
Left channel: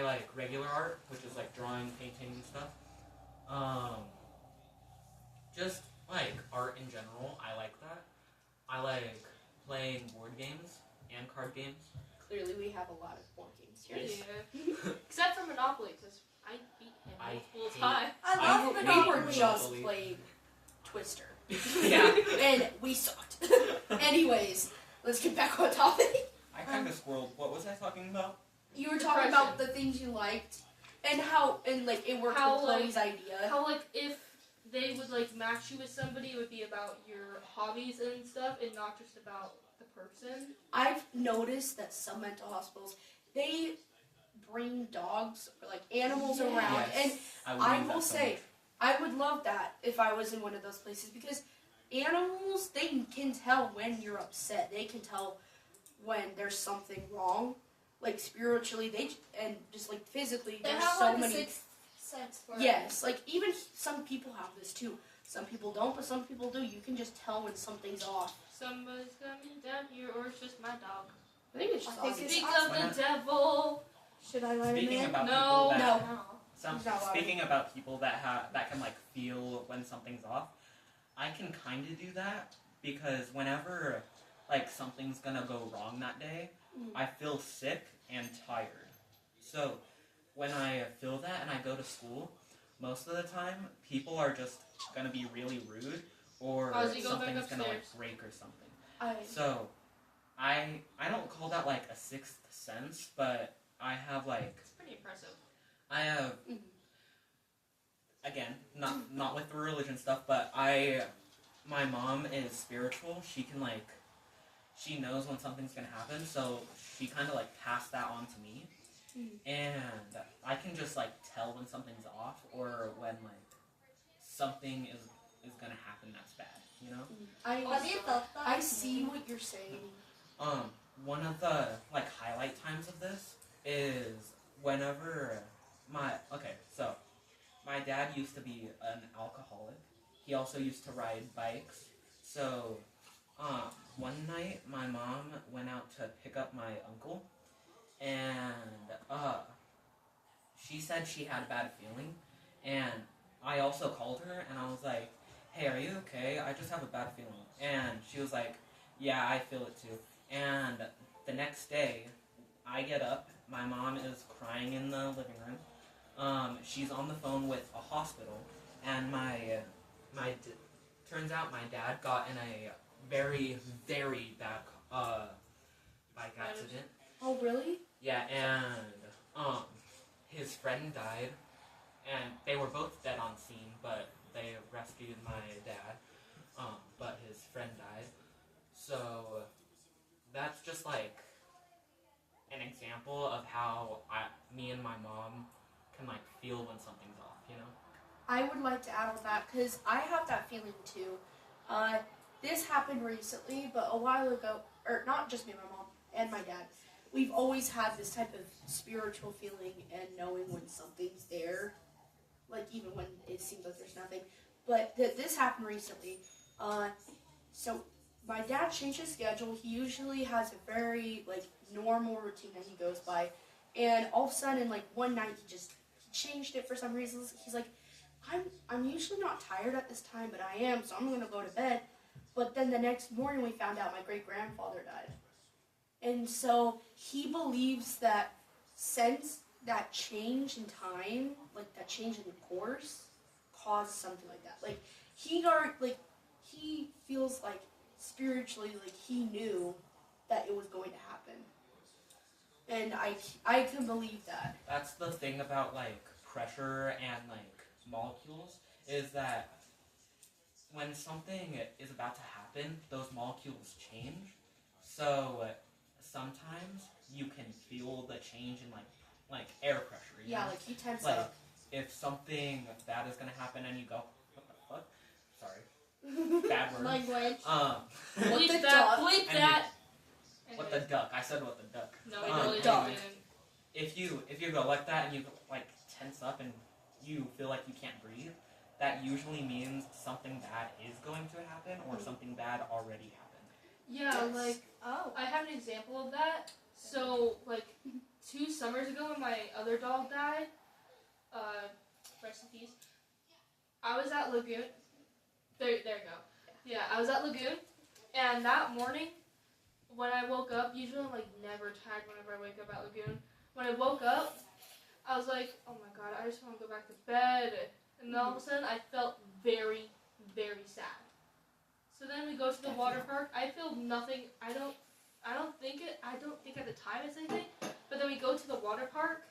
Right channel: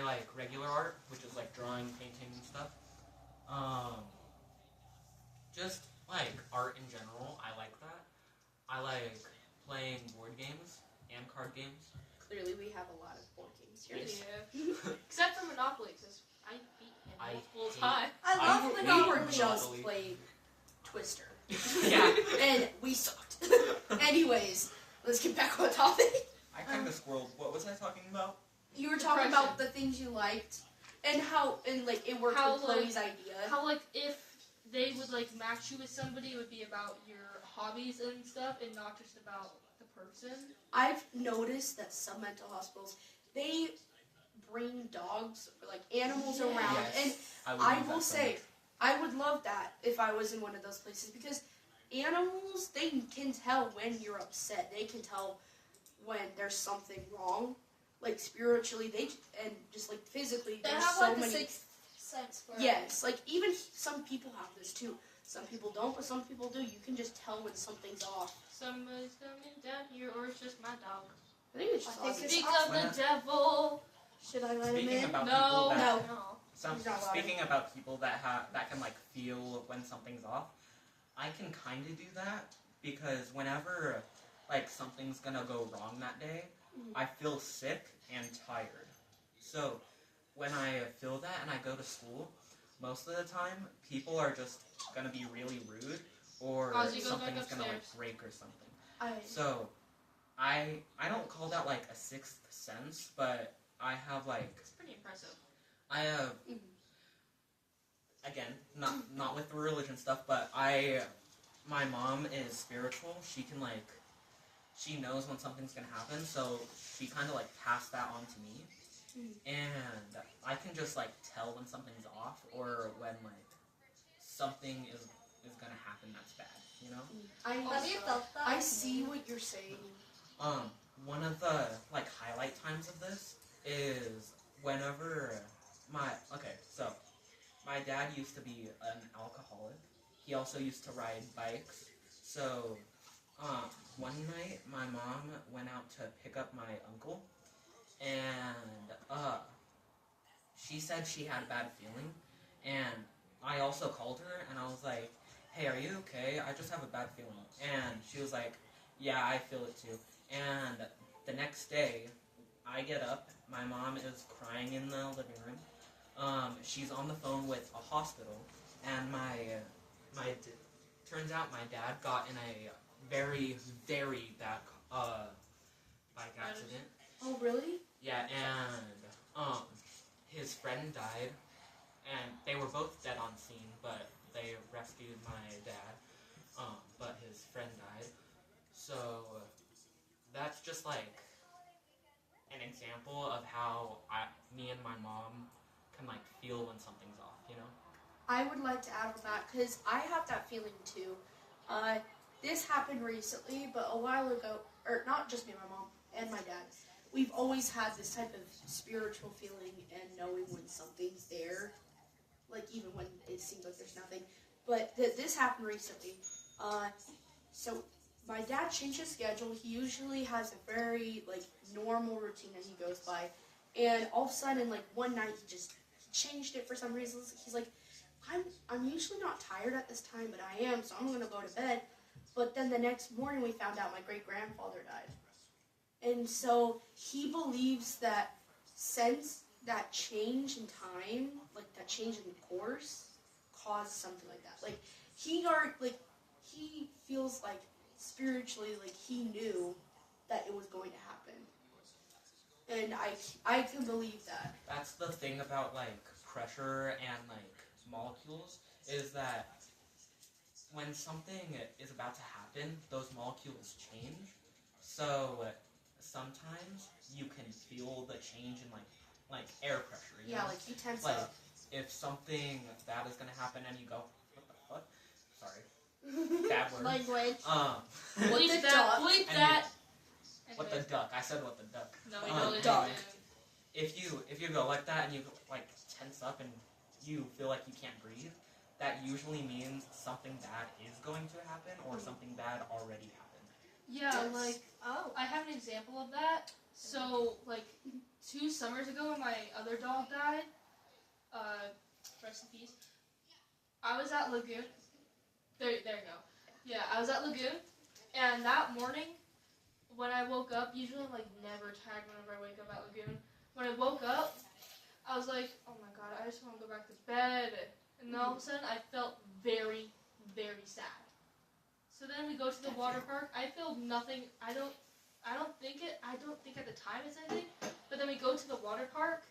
like regular art, which is like drawing, painting, and stuff. Just like art in general, I like that. I like playing board games and card games. Clearly, we have a lot of board games here. Yeah. Except for Monopoly, because I beat him I multiple hate- times. I I love hate We Monopoly. were just Monopoly. playing Twister. Yeah. And we sucked. Anyways, let's get back on topic. I kind of squirreled. What was I talking about? You were talking about the things you liked and how like it worked How, with Chloe's idea. How like if they would like match you with somebody, it would be about your hobbies and stuff, and not just about the person. I've noticed that some mental hospitals they bring dogs or like animals Yes. around, and would I use will that so say much. I would love that if I was in one of those places because animals they can tell when you're upset. They can tell when there's something wrong, like spiritually. And just like physically. They There's have so like many. a sixth sense for it. Yes, like even some people have this too. Some people don't, but some people do. You can just tell when something's off. Somebody's coming down here, or it's just my dog. I think it's just I think Ozzy. it's Speak awesome. of the devil. Should I let him Speaking in? about No. people that No. Some, He's not allowed speaking about people that can like feel when something's off, I can kind of do that because whenever like something's gonna go wrong that day, I feel sick and tired. So when I feel that and I go to school, most of the time people are just gonna be really rude or Ozzy, go back something's gonna like upstairs. break or something. So I don't call that like a sixth sense, but I have like It's pretty impressive. I have again not with the religion stuff, but my mom is spiritual. She can like she knows when something's gonna happen, so she kind of like passed that on to me, and I can just like tell when something's off or when like something is gonna happen that's bad, you know. Have you felt that? I see what you're saying. One of the like highlight times of this is whenever my dad used to be an alcoholic. He also used to ride bikes. So one night my mom went out to pick up my uncle, and she said she had a bad feeling, and I also called her and I was like, "Hey, are you okay? I just have a bad feeling." And she was like, "Yeah, I feel it too." And the next day, I get up. My mom is crying in the living room. She's on the phone with a hospital, and turns out my dad got in a very, very bad bike accident. Oh, really? Yeah, and his friend died, and they were both dead on scene, but they rescued my dad. But his friend died. So that's just like an example of how me and my mom can like feel when something's off, you know? I would like to add on that because I have that feeling too. This happened recently, but a while ago, or not just me and my mom and my dad, we've always had this type of spiritual feeling and knowing when something's there, like even when it seems like there's nothing. But this happened recently. So my dad changed his schedule. He usually has a very like normal routine that he goes by, and all of a sudden, like one night, he changed it for some reason. He's like, I'm usually not tired at this time, but I am, so I'm gonna go to bed. But then the next morning, we found out my great grandfather died, and so he believes that since that change in time, like that change in course, caused something like that. Like he feels like spiritually, like he knew that it was going to happen, and I can believe that. That's the thing about like pressure and like molecules is that when something is about to happen, those molecules change. So sometimes you can feel the change in like air pressure. You Yeah, know? like he tense like up. if something bad is gonna happen and you go, what the fuck? Sorry, bad word. Language. What Bleep the that, duck? bleep And that. What the duck? I said what the duck. No, we Um, really duck. didn't. If you go like that and you like tense up and you feel like you can't breathe, that usually means something bad is going to happen or something bad already happened. Yeah, Yes. like Oh. I have an example of that. So, like 2 summers ago, when my other dog died, rest in peace. I was at Lagoon. There you go. Yeah, I was at Lagoon, and that morning, when I woke up, usually I'm like never tired whenever I wake up at Lagoon. When I woke up, I was like, oh my god, I just want to go back to bed. And then all of a sudden, I felt very, very sad. So then we go to the water park. I feel nothing. I don't think at the time it's anything. But then we go to the water park,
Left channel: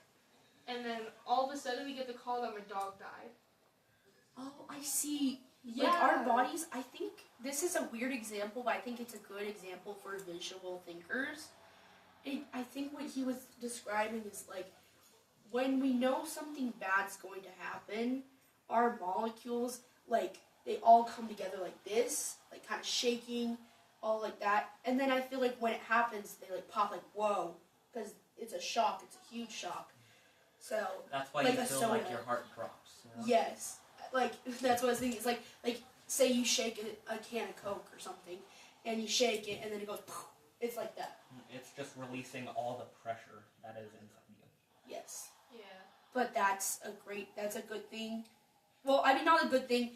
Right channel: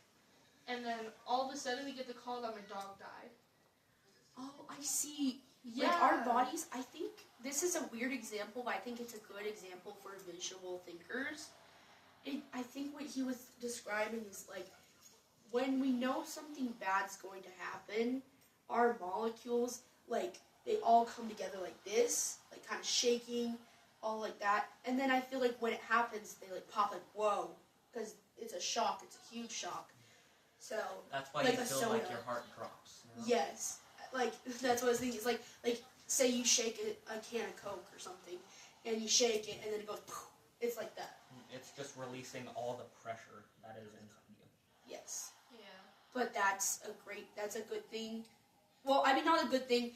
and then all of a sudden we get the call that my dog died. Oh, I see. Yeah. Like our bodies, I think this is a weird example, but I think it's a good example for visual thinkers. I think what he was describing is like when we know something bad's going to happen, our molecules, like, they all come together like this, like kind of shaking, all like that. And then I feel like when it happens, they like pop like, whoa, because it's a shock. It's a huge shock. So That's why like you a feel soda. like your heart drops. You know? Yes, like that's what I was thinking. It's like say you shake a can of Coke or something, and you shake it, and then it goes. Poof. It's like that. It's just releasing all the pressure that is inside you. Yes. Yeah. but that's a good thing. Well, I mean, not a good thing.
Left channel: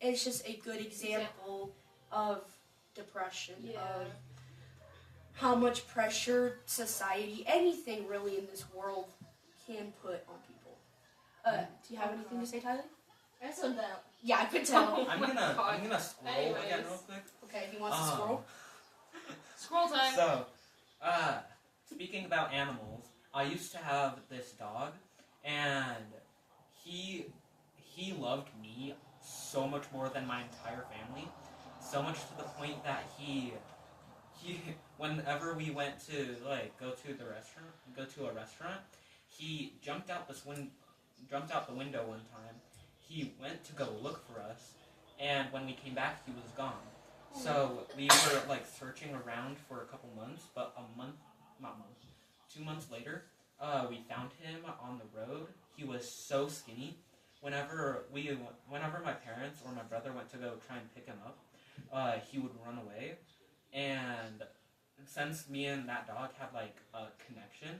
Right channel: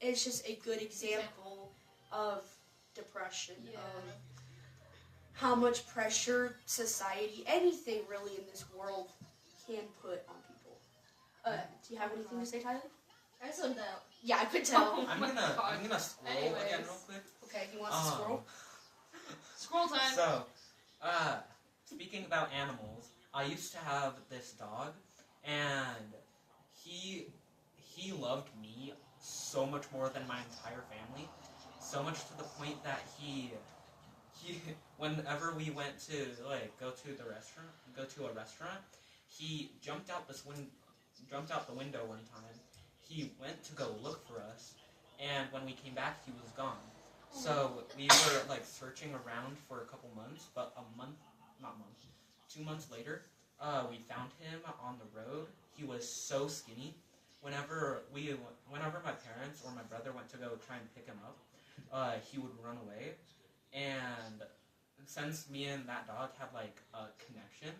It's just a good example of depression, of how much pressure society, anything really in this world, can put on people. Do you have anything to say, Tyler? I said that. Yeah, I could tell. I'm gonna scroll Anyways. again real quick. Okay, he wants to scroll. Scroll time. So, speaking about animals, I used to have this dog, and he loved me so much more than my entire family, so much to the point that he whenever we went to go to a restaurant, he jumped out the window one time. He went to go look for us, and when we came back, he was gone. So we were searching around for a couple months, but 2 months later, we found him on the road. He was so skinny. Whenever my parents or my brother went to go try and pick him up, he would run away. And since me and that dog had a connection,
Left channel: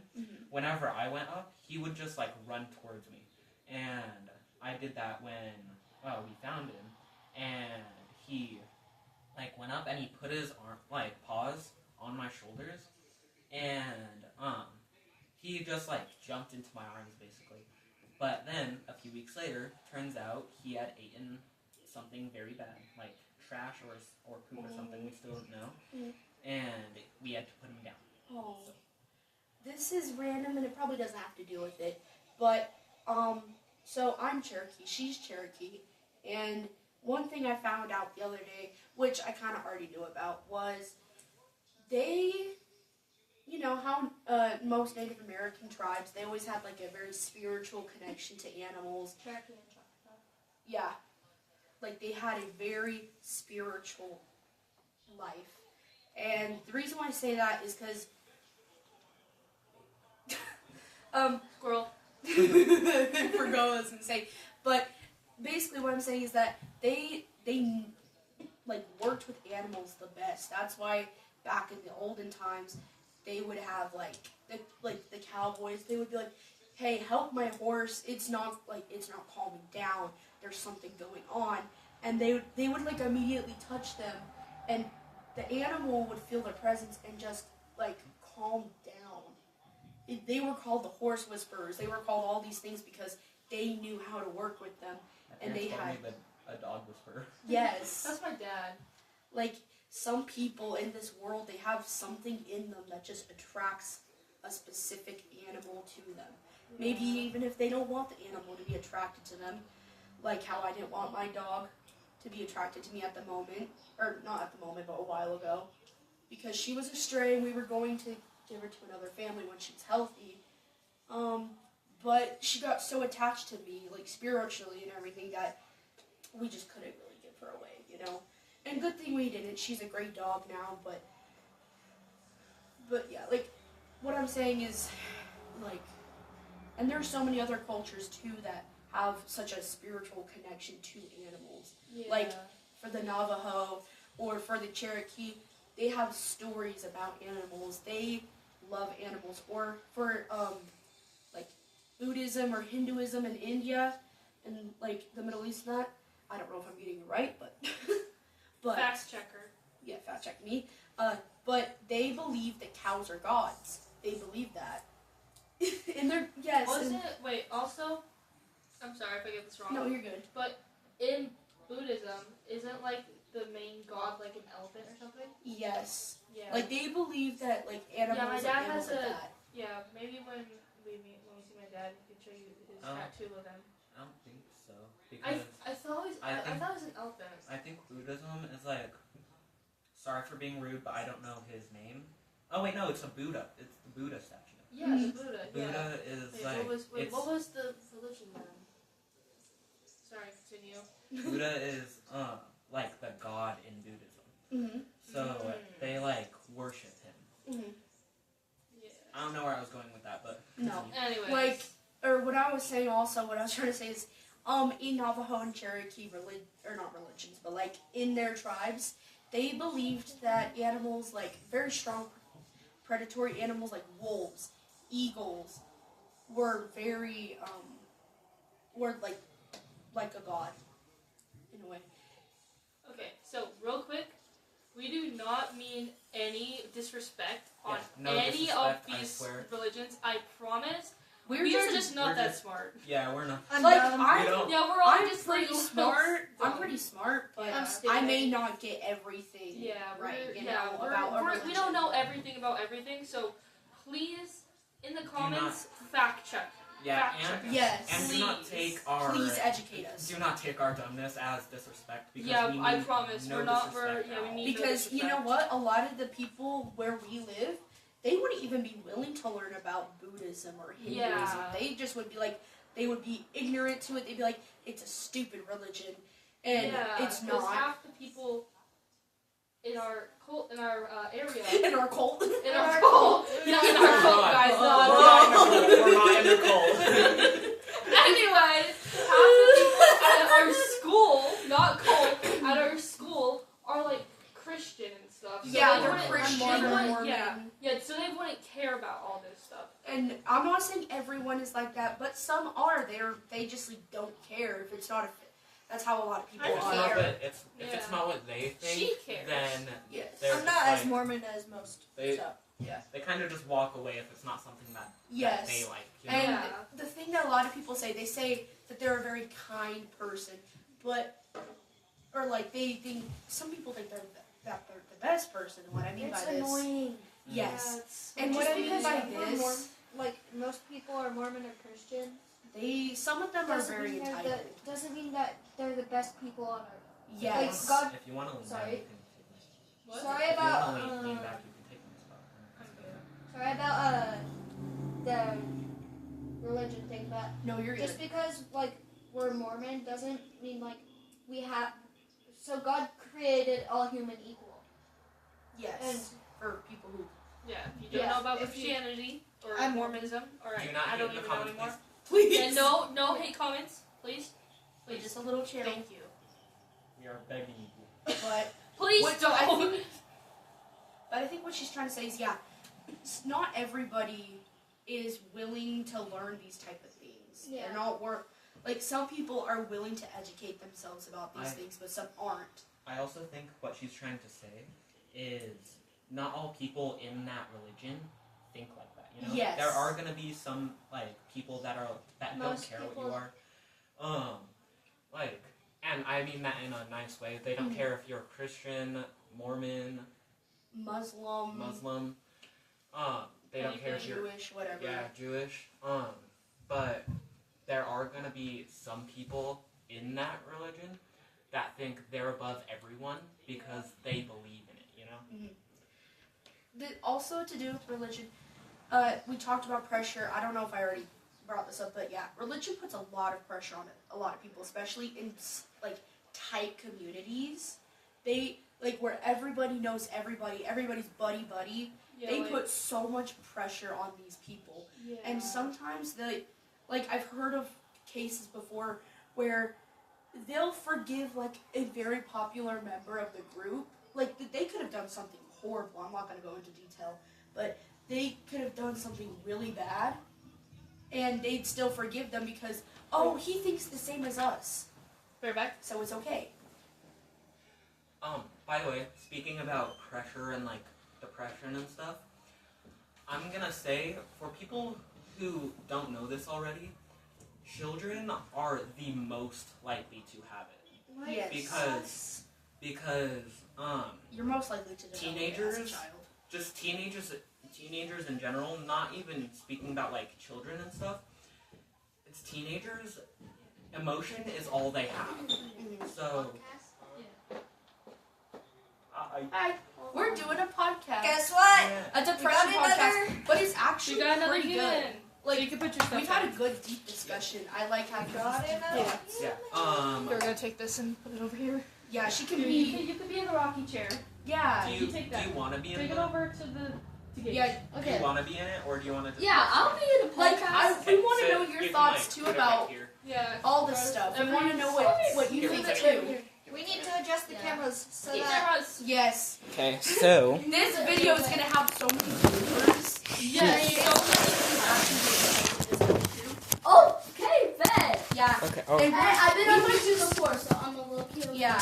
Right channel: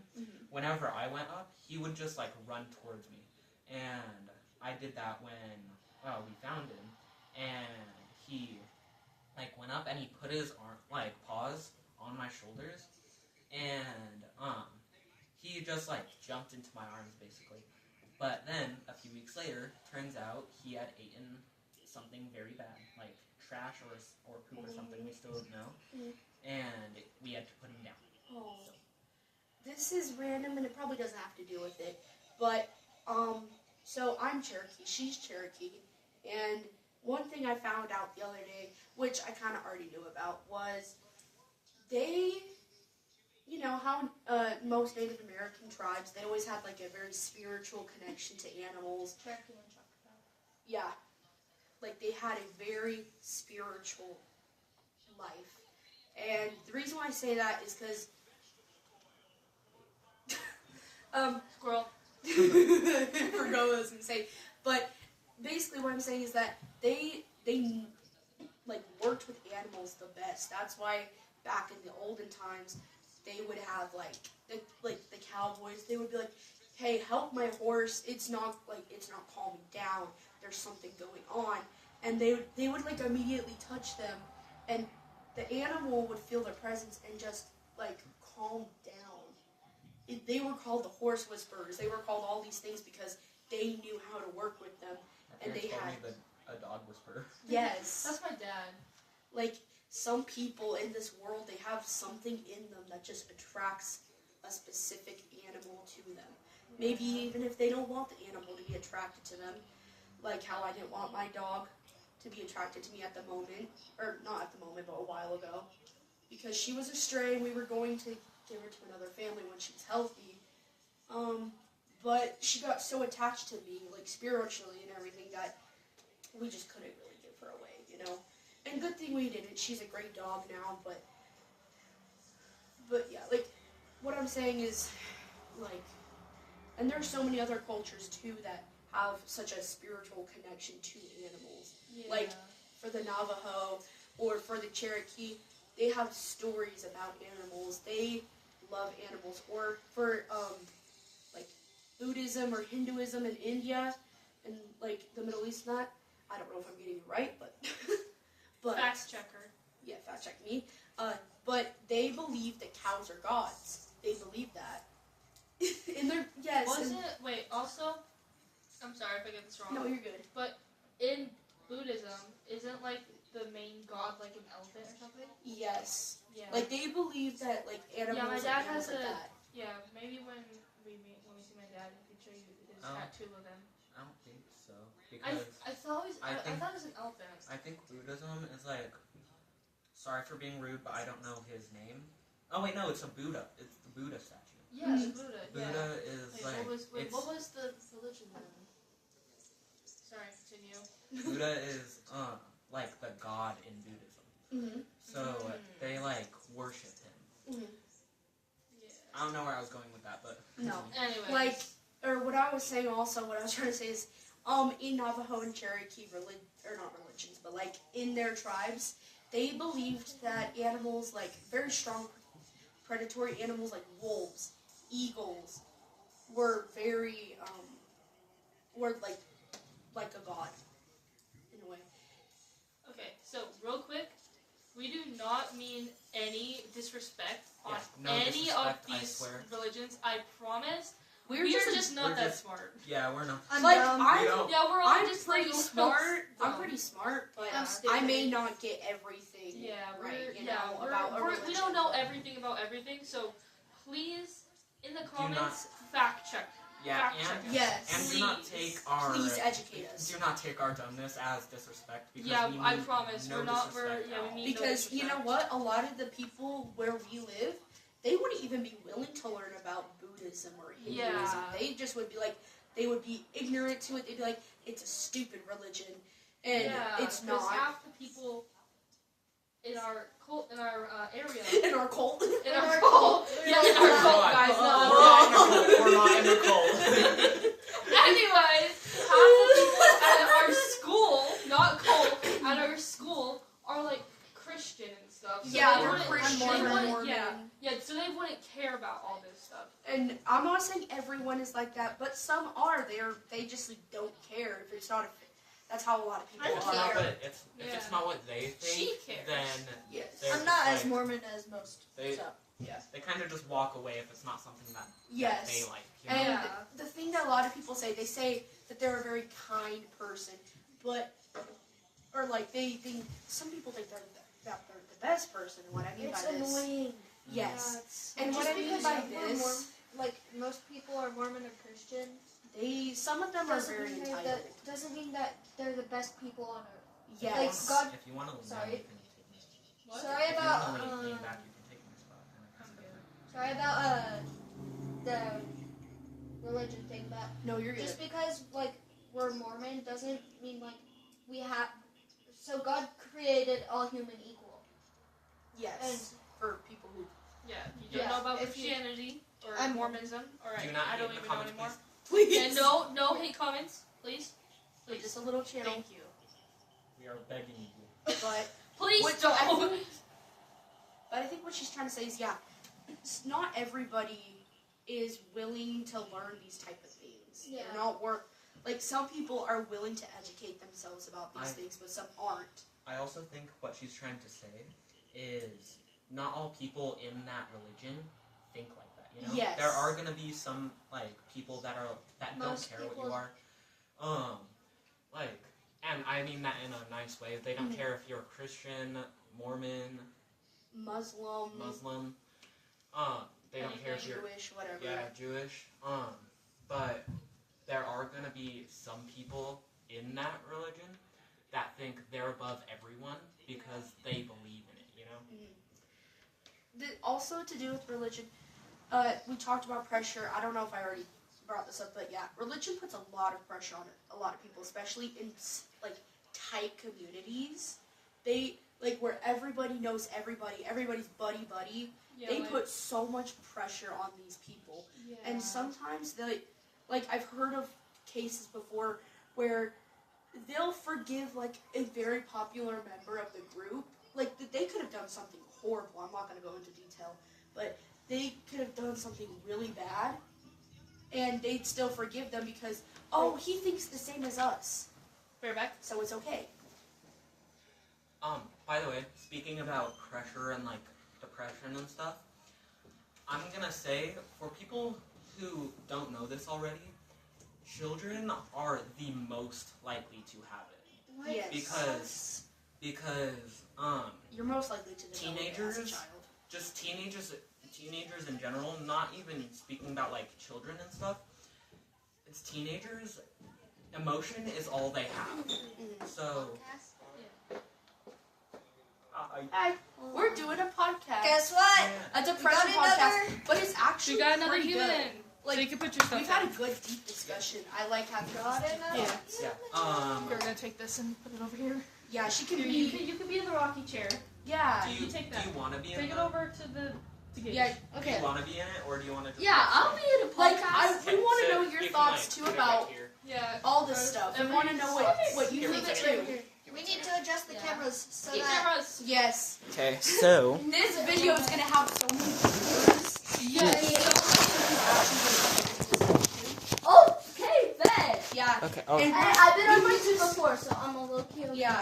whenever I went up, he would just run towards me. And I did that when we found him, and he went up and he put his paws on my shoulders, and he just jumped into my arms basically. But then a few weeks later, turns out he had eaten something very bad, like trash or poop or something. We still don't know, and we had to put him down. Oh, this is random, and it probably doesn't have to do with it, but so I'm Cherokee, she's Cherokee, and one thing I found out the other day, which I kind of already knew about, was they, you know how most Native American tribes, they always had a very spiritual connection to animals. Cherokee and Choctaw. Yeah, they had a very spiritual life, and the reason why I say that is because Squirrel. forgot what I was gonna say, but basically what I'm saying is that they worked with animals the best. That's why back in the olden times they would have the cowboys. They would be like, "Hey, help my horse. It's not calming down. There's something going on." And they would immediately touch them, and the animal would feel their presence and just calm down. They were called the horse whisperers. They were called all these things because they knew how to work with them. And they had a dog whisperer. Yes. That's my dad. Some people in this world, they have something in them that just attracts a specific animal to them. Maybe even if they don't want the animal to be attracted to them, like how I didn't want my dog to be attracted to me at the moment, or not at the moment, but a while ago, because she was a stray and we were going to give her to another family when she was healthy. But she got so attached to me, spiritually and everything, that we just couldn't really give her away, you know? And good thing we didn't. She's a great dog now, but yeah, what I'm saying is, and there's so many other cultures, too, that have such a spiritual connection to animals. Yeah. For the Navajo or for the Cherokee, they have stories about animals. They love animals. Or for, Buddhism or Hinduism in India and, the Middle East and that. I don't know if I'm getting it right, but... but Fact checker. Yeah, fact check me. But they believe that cows are gods. They believe that. And they're... Yes. Wait, also... I'm sorry if I get this wrong. No, you're good. But in Buddhism, isn't, the main god, an elephant or something? Yes. Yeah. They believe that, animals my dad and animals has like a... that. Yeah, maybe when we see my dad, he can show you his tattoo of him. I don't think so. Because I thought it was an elephant. I think Buddhism is sorry for being rude, but I don't know his name. Oh wait, no, it's a Buddha. It's the Buddha statue. Yeah, the Buddha. Buddha is what was the religion then? Sorry, continue. Buddha is the god in Buddhism. Mm-hmm. So they worship him. Mm-hmm. Yeah. I don't know where I was going with that, but No. Anyway. Or what I was saying also, what I was trying to say is, in Navajo and Cherokee, not religions, but in their tribes, they believed that animals, very strong predatory animals like wolves, eagles, were very were like a god in a way. Okay, so real quick, we do not mean any disrespect on no any disrespect, of I these swear. religions. I promise. We're We are just just not we're that just- smart. Yeah, we're not. I'm like dumb. We don't. Yeah, we're all I'm just pretty like smart. I'm dumb. pretty smart, but I'm I may stupid. not get everything Yeah, right. we're, You yeah, know we're, about a we're, religion. we don't know everything about everything, so please, in the comments, fact check. Yeah, Fact check. and Yes. and do not Please. take our Please educate us. do not take our dumbness as disrespect because Yeah, we I mean promise no we're not. We're disrespect at we all. need Because no you know disrespect. what? A lot of the people where we live, they wouldn't even be willing to learn about Buddhism or Hinduism. Yeah. They just would be like, they would be ignorant to it. They'd be like, it's a stupid religion, and Yeah, it's 'cause not. half the people in our area. In our cult. In our cult. Yeah, in our We're cult, not. guys. We're not in a cult. Anyway, half the people at our school, not cult, at our school are like Christian and stuff. So Yeah, they they're wouldn't- Christian, they wouldn't- Mormon. yeah, so they wouldn't care about all this stuff. And I'm not saying everyone is like that, but some are. They just like, don't care if it's not a. That's how a lot of people If it's are. not care. what if it's Yeah. not what they think, She cares. then Yes. they're I'm not just as like- Mormon as most. They- So. they kind of just walk away if it's not something that Yes. they like. You know? And Yeah. the thing that a lot of people say, they say that they're a very kind person, but, or like they think, some people think that they're the best person. And what I mean It's by this, annoying. yes, it's- and what Just I mean because by we're this, like most people are Mormon or Christian some of them are doesn't very mean entitled. doesn't mean that they're the best people on earth. Yes. Like, God- If you want to lean Sorry. back, you can take me. What? Sorry If you about want to lean back, you can take my spot. sorry about the religion thing, but No, you're good. just because like we're Mormon doesn't mean like we have. So God created all human equal. Yes. And For people who, Yeah, you don't Yeah, know about if you- Christianity or I'm- Mormonism. Alright, Do not I hate don't in the even know comments, anymore. please. Yeah, no hate comments, please. We're Please. just a little channel. Thank you. We are begging you. But Please What- don't. But I think what she's trying to say is, yeah, not everybody is willing to learn these type of things. Yeah. They're not like some people are willing to educate themselves about these things, but some aren't. I also think what she's trying to say is not all people in that religion think like that. You know, Yes. there are gonna be some like people that don't Most care what people- you are. Like, and I mean that in a nice way. They don't Mhm. care if you're Christian, Mormon, Muslim, Muslim. They don't care if you're Jewish, whatever. Jewish. But there are gonna be some people in that religion that think they're above everyone because they believe in it. You know. Also to do with religion, we talked about pressure. I don't know if I already brought this up, but yeah, religion puts a lot of pressure on a lot of people, especially in like tight communities. They like where everybody knows everybody, everybody's buddy. Yeah, They like- put so much pressure on these people, yeah. and sometimes I've heard of cases before where they'll forgive like a very popular member of the group. Like they could have done something horrible. I'm not going to go into detail, but they could have done something really bad, and they'd still forgive them because he thinks the same as us, Bear back. so it's okay. By the way, speaking about pressure and like depression and stuff, I'm gonna say for people who don't know this already, children are the most likely to have it What? Yes. because You're most likely to develop it as a Teenagers? child. just teenagers in general, not even speaking about like children and stuff. It's teenagers. Emotion is all they have. So. Hi, we're doing a podcast, Guess what? a depression We got podcast, another- but it's actually We got another pretty human. good. Like, So you can put your stuff We've had a down. good deep discussion. I like having Got these it. deep thoughts. Yeah. We're gonna take this and put it over here. Yeah, she can You be. can be in the rocking chair. Yeah. Do you you, take that. do you want to be in Take it the? over to the gate. Yeah. Do Okay. you want to be in it, or do you want to just? Yeah, I'll be in a Like, podcast. we want to So know you your can, thoughts like, too put it about right here. Yeah. all this stuff. We want to know what you Here we think go. too. We need to adjust the Yeah. cameras so These that cameras. Yes. Okay, so This video is gonna have so many viewers. Yes. We don't think we actually Okay. Oh. And I've been on my two before, so I'm a little cute. yeah.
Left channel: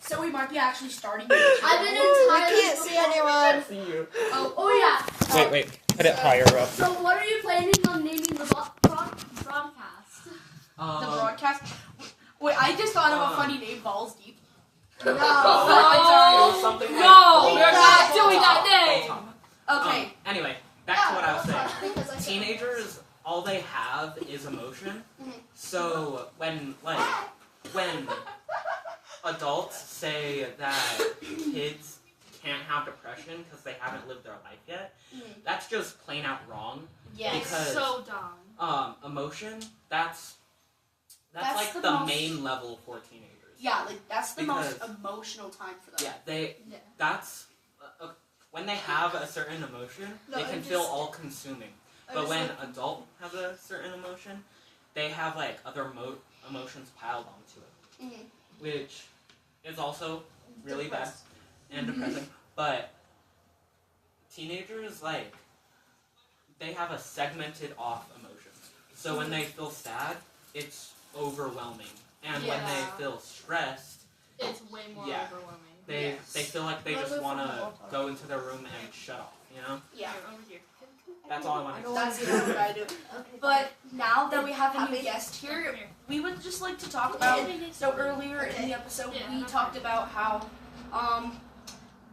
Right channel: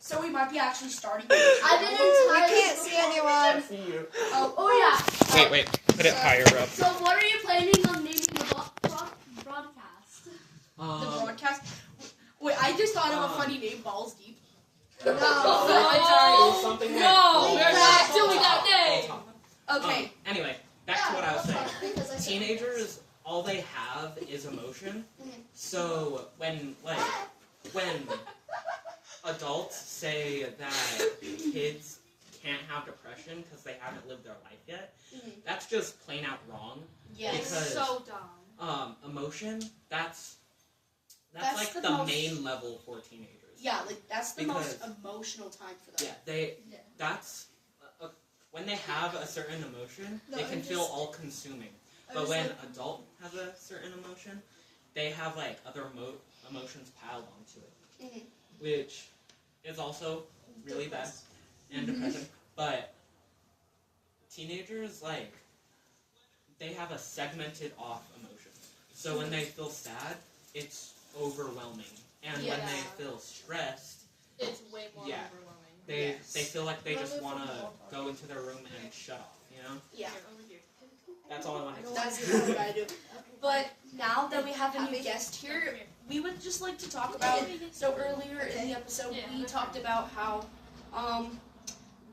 So we might be actually starting. I've been entirely. We can't see anyone. See you. Oh yeah. Wait. Put it higher up. So what are you planning on naming the broadcast? The broadcast. Wait, I just thought of a funny name. Balls deep. No. It was something like No, full we're top. not Full doing top. that name. Full top. Okay. Anyway, back to what I was saying. Because I said Teenagers, all they have is emotion. So when adults say that kids can't have depression because they haven't lived their life yet, that's just plain out wrong. Yes. Because So dumb. emotion, that's That's like the the most- main level for teenagers. Yeah, like that's the most Because- emotional time for them. Yeah, that's when they have a certain emotion, No, they can I'm feel just- all-consuming. I But was when like- adult has a certain emotion, they have like other emotions piled onto it, which is also really bad and depressing. But teenagers, like, they have a segmented off emotions. So when they feel sad, it's overwhelming, and when they Yeah. feel stressed, It's way more Yeah. overwhelming. they Yes. they feel like they Well, just they're want from the to ballpark. go into their room and shut off. You know, Yeah. Here, over here. that's all I want to. That's what I do. Okay. But now that we have a new Happy? guest here, we would just like to talk about. So earlier in the episode, Yeah, we that's talked fine. about how,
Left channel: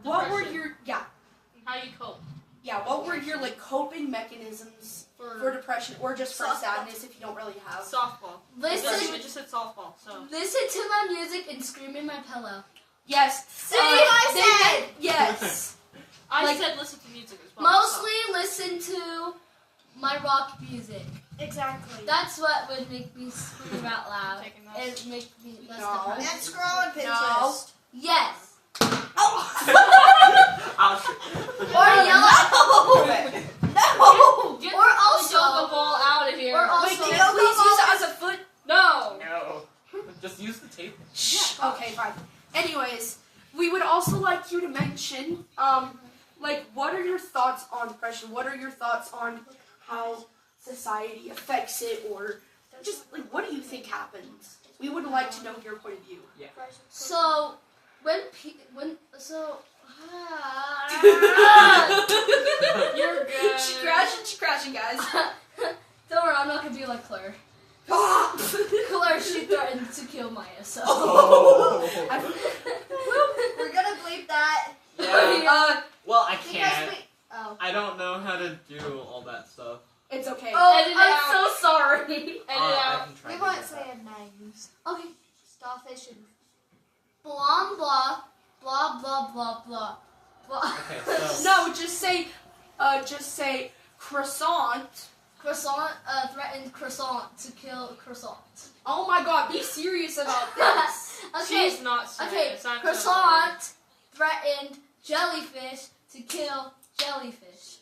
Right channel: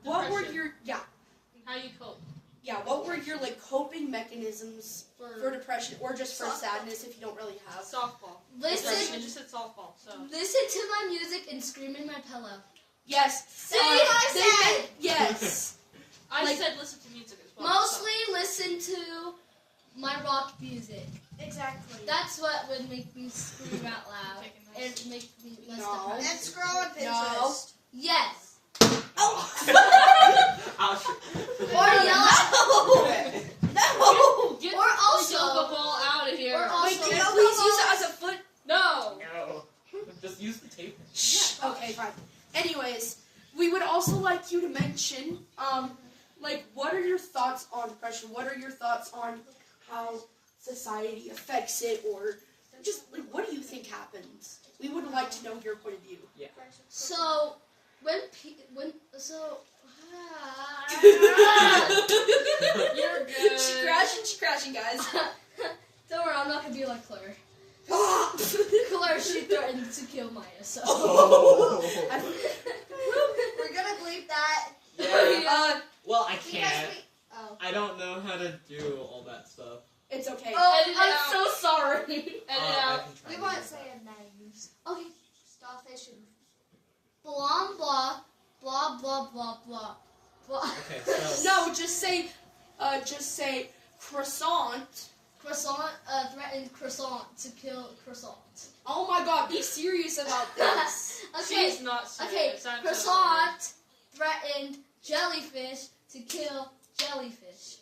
what were Depression. your How you cope what were your like coping mechanisms for depression or just for Softball. sadness if you don't really have? softball. Listen, We just said softball. So listen to my music and scream in my pillow. Yes. See, I they said. meant- yes. I Like- said listen to music as well. Mostly listen to my rock music. Exactly. That's what would make me scream out loud Taking that. and make me less No. And depressed. scroll on No. Pinterest. Yes. I'll shoot. Or yell. No. Get Or the also- yoga ball out of here. Or also- Wait, can I please use it as a foot? No. No. Just use the table. Shh. Okay, fine. Anyways, we would also like you to mention, like, what are your thoughts on depression? What are your thoughts on how society affects it, or just like, what do you think happens? We would like to know your point of view. So when You're good. She's crashing, guys. don't worry, I'm not gonna do like Claire. Oh. Claire, she threatened to kill Maya, so. We're gonna bleep that. Yeah. Well, I Because can't. we. Oh. I don't know how to do all that stuff. It's okay. Oh, Edit it I'm out. so sorry. Edit it I out. can try We to won't do say that. names. Okay. Starfish and. Blah blah blah blah blah blah blah. Okay, so No, just say croissant. Croissant threatened croissant to kill croissant. Oh my God, be serious about this. Okay. She's not serious. Okay. I'm so sorry. Croissant threatened jellyfish to kill jellyfish.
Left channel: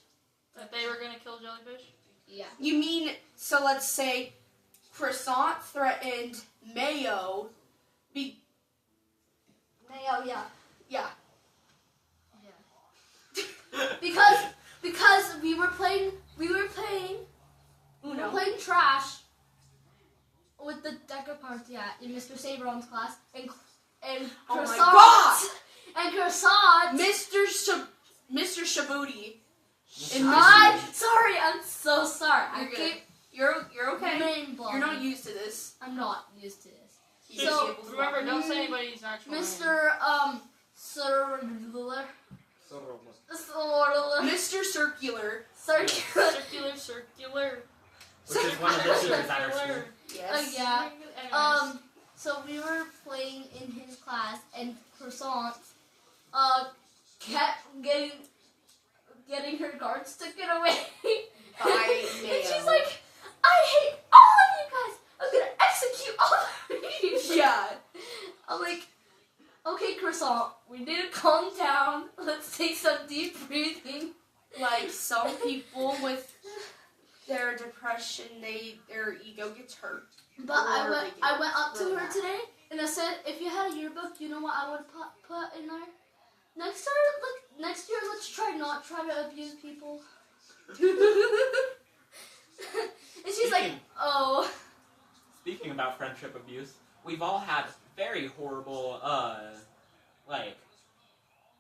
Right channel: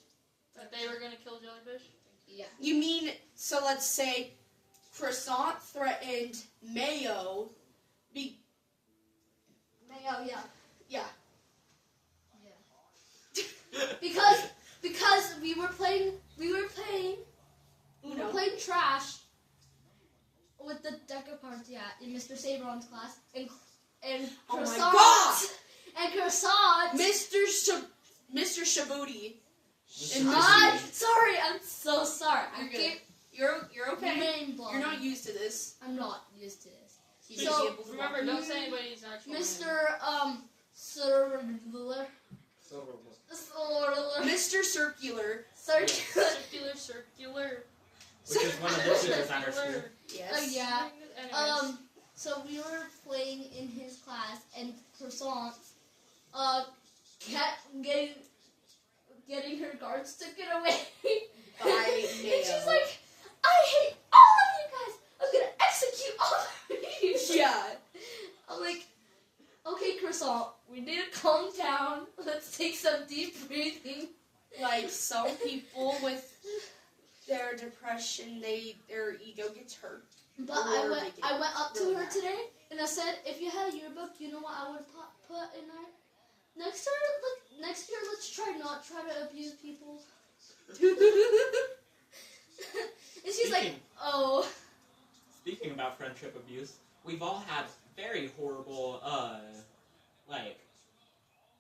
That they were gonna kill jellyfish. Yeah. You mean, so let's say croissant threatened mayo. Mayo, yeah. Yeah. Because we were playing Uno. trash with the deck of cards, in Mr. Saberon's class, and Oh my croissant God! and croissant. Mr. Shabuti. I'm sorry. I'm so sorry. You're I good. keep You're okay. name blocking. You're not used to this. I'm not used to this. He's Just So- able to remember, walk. don't say anybody's actual name. Mr. Circular. Mr. Circular. Circular. Circular. which is one of the teachers at our school. Circular. Yes. Oh yeah. Anyways. So we were playing in his class, and croissant, kept getting her guards taken away. By And mayo. she's like, I hate all of you guys. I'm gonna execute all of you. Yeah. I'm like, okay, croissant, we need to calm down. Let's take some deep breathing. Like some people with their depression, their ego gets hurt. But Or they get I went up to really her mad. today and I said, if you had a yearbook, you know what I would put in there? Next year, let's try to abuse people. And she's like, Speaking- oh. Speaking speaking about friendship abuse, we've all had very horrible,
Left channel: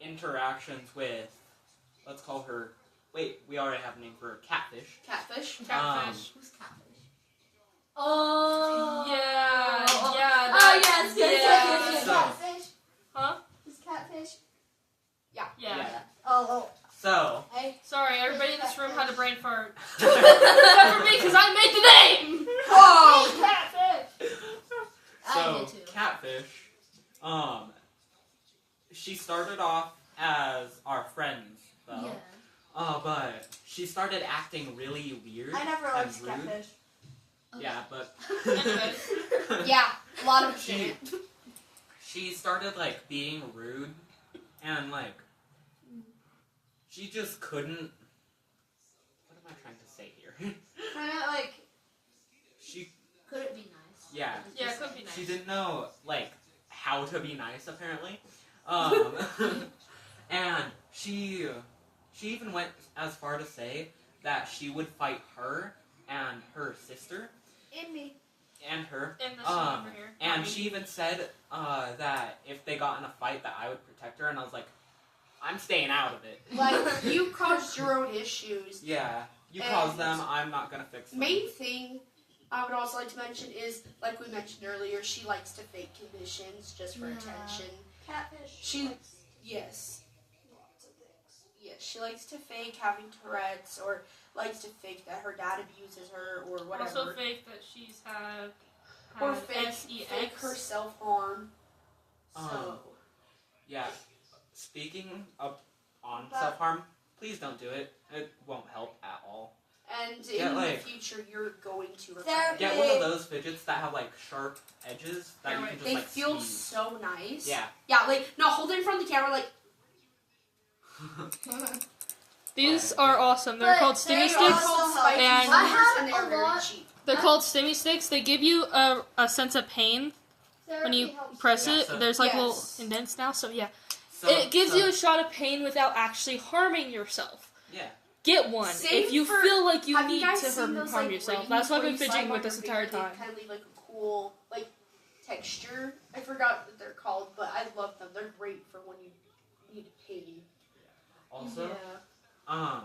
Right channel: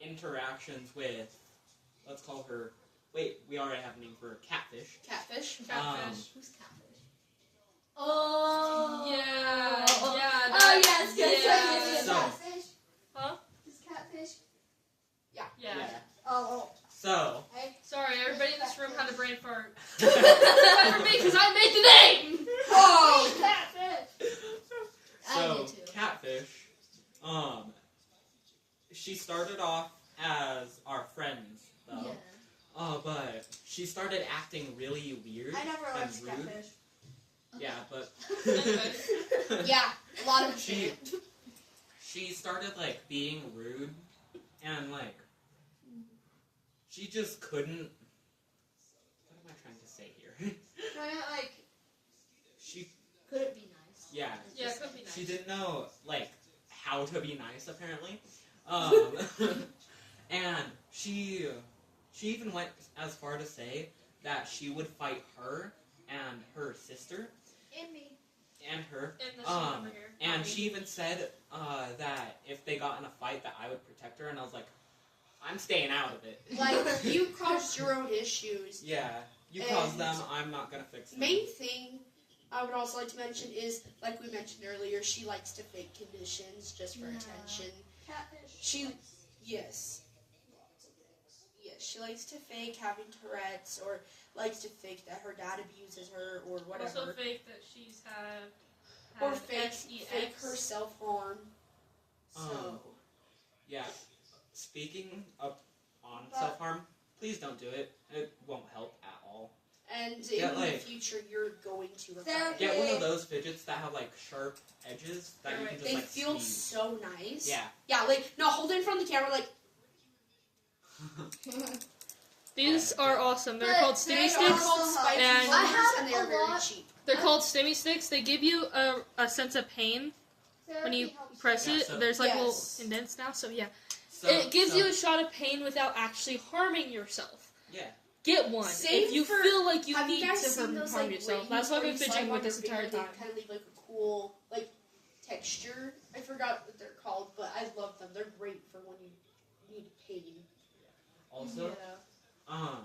interactions with, let's call her, wait, we already have a name for her, Catfish. Catfish. Catfish. Who's catfish? Oh. Yeah. Yeah. Oh yes, yes. So- Catfish? Huh? Is catfish? Yeah. Oh. So, Hey. Sorry, everybody in this room had a brain fart. Except for me, because I made the name! Whoa! Catfish! I so did too. Catfish, she started off as our friends, though. Yeah. But she started acting really weird. I never and liked rude. catfish. Yeah, but Anyways. Yeah, a lot of She- shit. she started like being rude and like she just couldn't. What am I trying to say here? Kind of like, she Could it be nice? yeah. Yeah, it could be nice. She didn't know like how to be nice apparently. And she even went as far to say that she would fight her and her sister in me. and her. And this one over here. And she even said that if they got in a fight that I would protect her, and I was like, I'm staying out of it. Like, you caused your own issues. Yeah, you And caused them, I'm not gonna fix them. Main thing I would also like to mention is, like we mentioned earlier, she likes to fake conditions just for Yeah. attention. Catfish. She, yes. Yes, she likes to fake having Tourette's, or likes to fake that her dad abuses her, or whatever. Also fake that she's had Or fake SEX. her self-harm. So, Yeah, speaking of on But- self-harm, please don't do it. It won't help at all. and Yeah, in like- the future, you're going to regret Therapy. it. Get one of those fidgets that have like sharp edges that Yeah, you right. can just They like feel squeeze. so nice. Yeah. Yeah, like, no, hold it in front of the camera, like, These are awesome. They're But called they stimmy they're sticks. called spiky And- fingers, I have and they're a very lot- cheap. They're called stimmy sticks. They give you a sense of pain when you press Yeah, it. so- There's like Yes. little indents now, so yeah. So- It gives so- you a shot of pain without actually harming yourself. Yeah. Get one Same if you for- feel like you Have need you guys to seen those, harm like, yourself. rings That's why I've where been you slide fidgeting on with this your entire finger, time. They kind of leave like a cool, like, texture. I forgot what they're called, but I love them. They're great for when you need pain. Also, Yeah.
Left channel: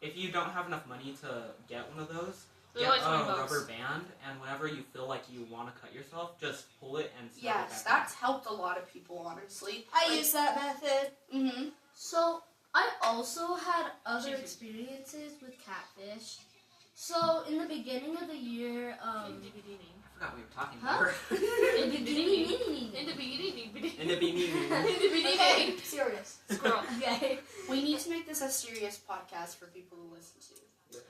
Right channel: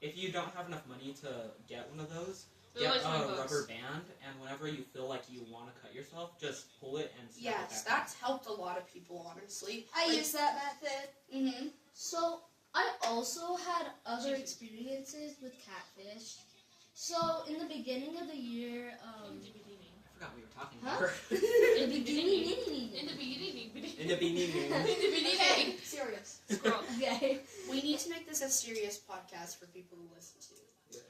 if you don't have enough money to get one of those, They're get like a 20 bucks. rubber band, and whenever you feel like you want to cut yourself, just pull it and snap it Yes, back that's helped a lot of people, honestly. I use that method. Mm-hmm. So I also had other experiences with catfish. So in the beginning of the year, I forgot we were talking Huh? about. in the beginning, In the beginning. Okay, serious. Squirrel. okay. We need to make this a serious podcast for people to listen to.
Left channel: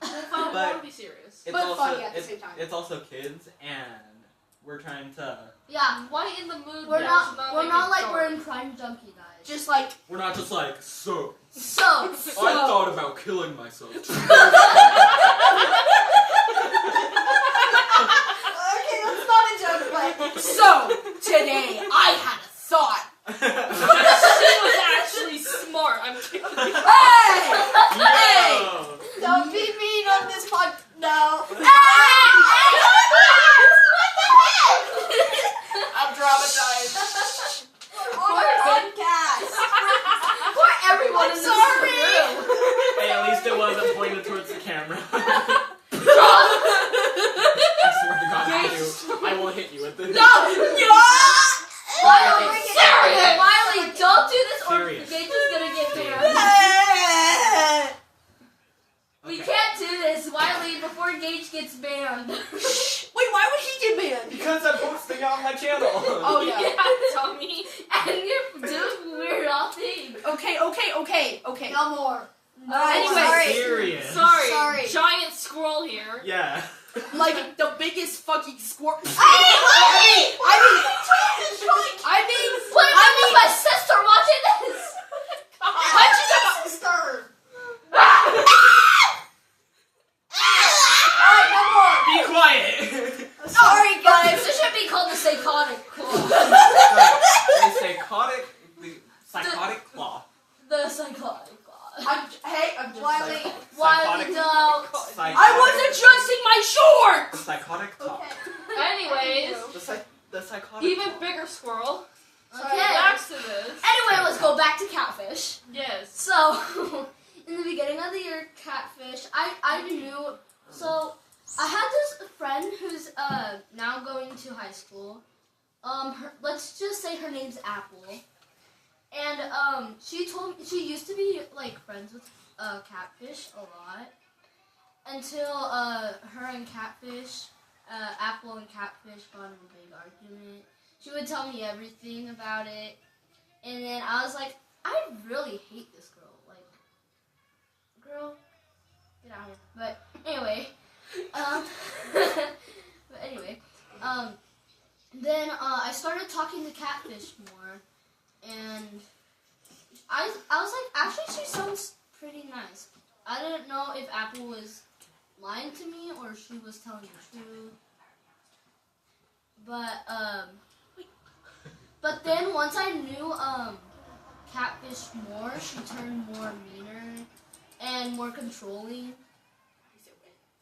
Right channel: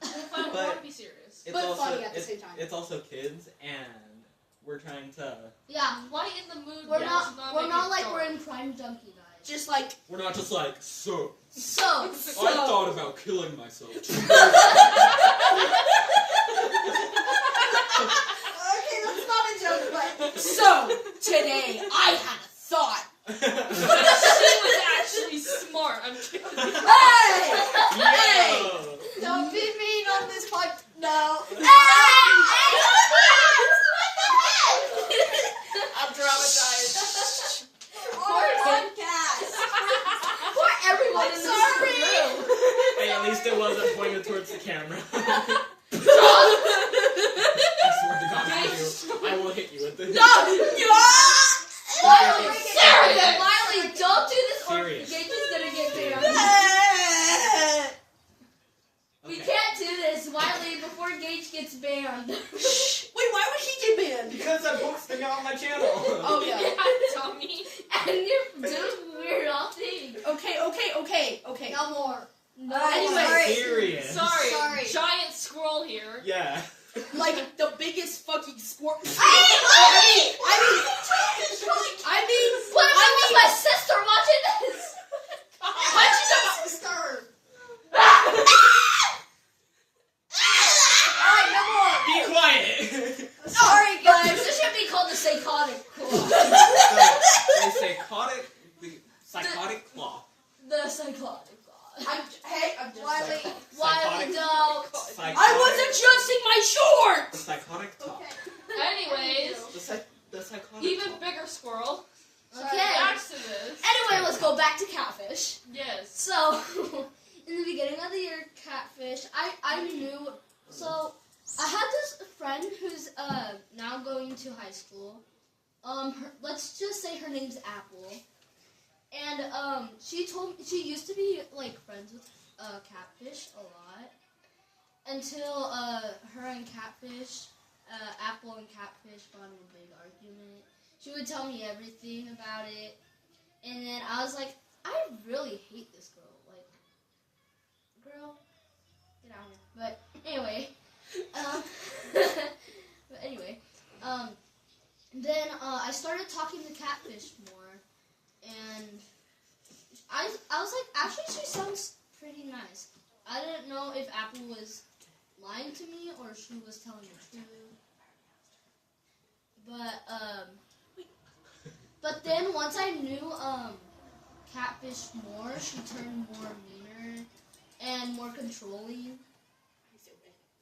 I But- want to be serious. It's But also, funny at the it's- same time. It's also kids, and we're trying to. Yeah, Why in the mood? we're does not make it like dark? we're in Crime Junkie, guys. Just like, We're not just like so. So I thought about killing myself. Okay, that's not a joke, but so, today, I had a thought. She was actually smart. I'm kidding. Hey! No. don't be mean on this pod. No. I'm traumatized. Podcast. for everyone in this sorry. room. Hey, at least it wasn't pointed towards the camera. I swear to God, I will hit you with this. Wiley, Okay. serious. Wiley, don't do this or Serious. Gage is gonna get banned. We Okay. can't do this, Wiley, before Gage gets banned. Wait, why would he get banned? Because I'm posting it on my channel. Oh, yeah. Tommy. And you're doing weird off things. Okay. No more. Anyway. Sorry. Serious. Sorry. Giant squirrel here. Yeah. Like, the biggest fucking squirt. Hey, I mean, What about my sister watching this? why'd you sister. Be quiet. Sorry, guys. This should be called the psychotic claw. The psychotic claw. The psychotic claw. I'm just Wiley. Wiley, Psychotic- don't. I was adjusting my shorts! Psychotic claw. Okay. Anyways, The psychotic. even bigger squirrel. Okay. Back to this. Anyway, let's go back to catfish. Yes. So, in the beginning of the year, catfish, I knew, so, I had this friend who's, now going to high school. Let's just say her name's Apple. And, she used to be, like, friends with, catfish a lot. Until, her and catfish, Apple and catfish got in a big argument. She would tell me everything about it. And then I was like, I really hate this girl. Like, girl, get out of here. But anyway, then I started talking to catfish more. And I was like, actually, she sounds pretty nice. I didn't know if Apple was lying to me or she was telling the truth. But then once I knew catfish more, she turned more meaner and more controlling.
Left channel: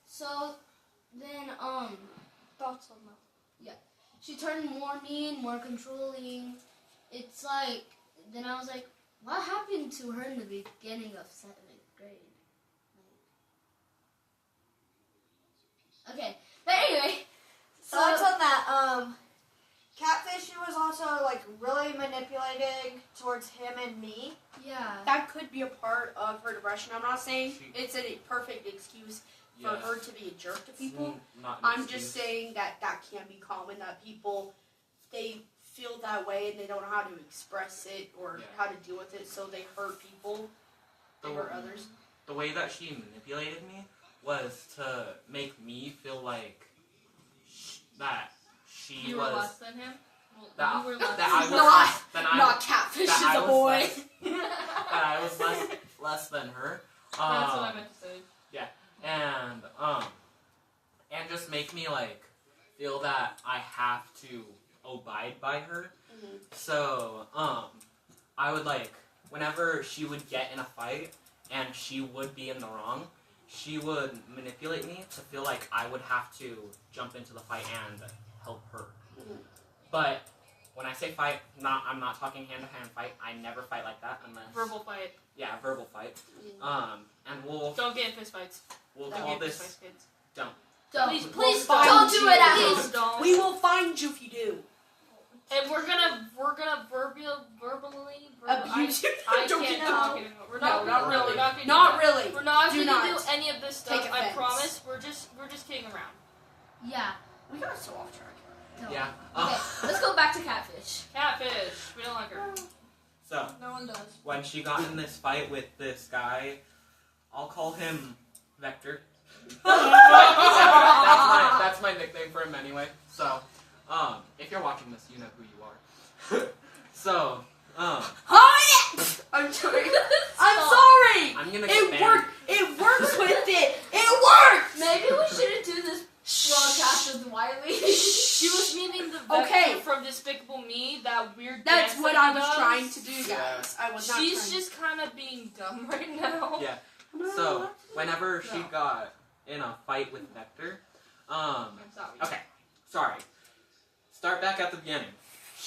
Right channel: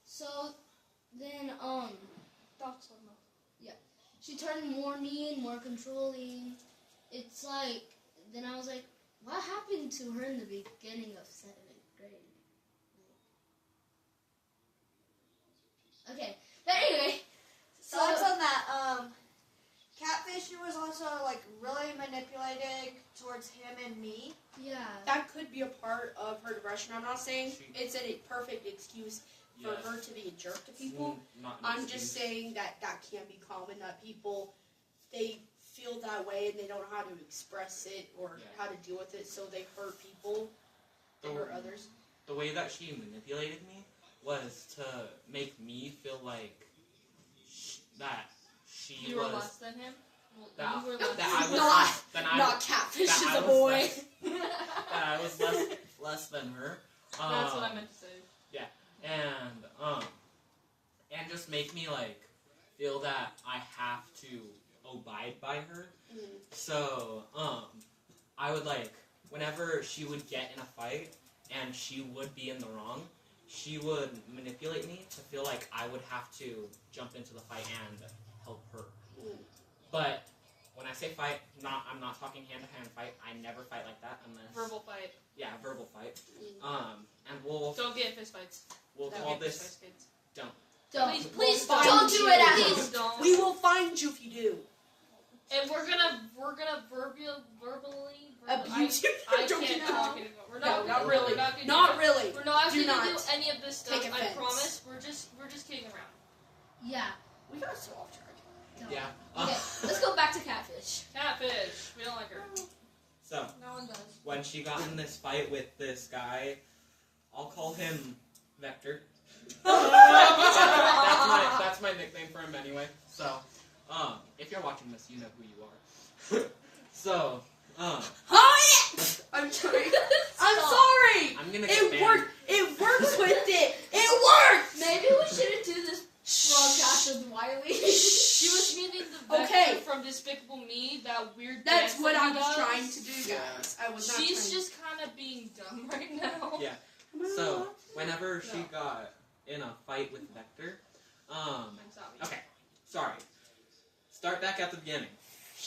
So then Thoughts on that? she turned more mean, more controlling. It's like then I was like, what happened to her in the beginning of 7th grade? Okay, but anyway. Thoughts on that. Catfish was also like really manipulating towards him and me. Yeah. That could be a part of her depression. I'm not saying it's a perfect excuse for her to be a jerk to people. I'm just saying that can be common, that people, they feel that way and they don't know how to express it or how to deal with it, so they hurt people. They hurt others. The way that she manipulated me was to make me feel like that she You was were less than him? that, You were less that I was Not- less than I Not catfish that is I a was boy. less- that I was less than her. That's what I meant to say. And just make me like feel that I have to abide by her. Mhm. So I would like whenever she would get in a fight and she would be in the wrong, she would manipulate me to feel like I would have to jump into the fight and help her. Mhm. But when I say fight, I'm not talking hand-to-hand fight. I never fight like that unless Verbal fight. Yeah, verbal fight. Mhm. And we'll Don't get in fist fights. we'll Don't call get in this fist fights, kids. Don't. Please, Please find don't do you. it at Please home. don't. We will find you if you do. And we're gonna verbally Abuse you. I Don't can't get talk out. anymore. We're No, not we're really. not gonna Not do that. really. We're not Do gonna not do any of this stuff. take I offense. promise. We're just kidding around. Yeah. We got so off track. No. Yeah. Okay, let's go back to catfish. Catfish. We don't like her. So No one does. when she got in this fight with this guy, I'll call him Vector. that's my nickname for him anyway. So if you're watching this, you know who you are. So Oh yeah! I'm sorry. I'm sorry. I'm gonna get It banned. worked. It works with it. It worked. Maybe we shouldn't do this broadcast with Wiley. She was meaning the Vector Okay. from Despicable Me, that weird That's dance what that I he was does. trying to do, guys. I was not She's trying. just kind of being dumb right now. Yeah. So whenever she got in a fight with Vector, I'm sorry. okay, sorry. Start back at the beginning.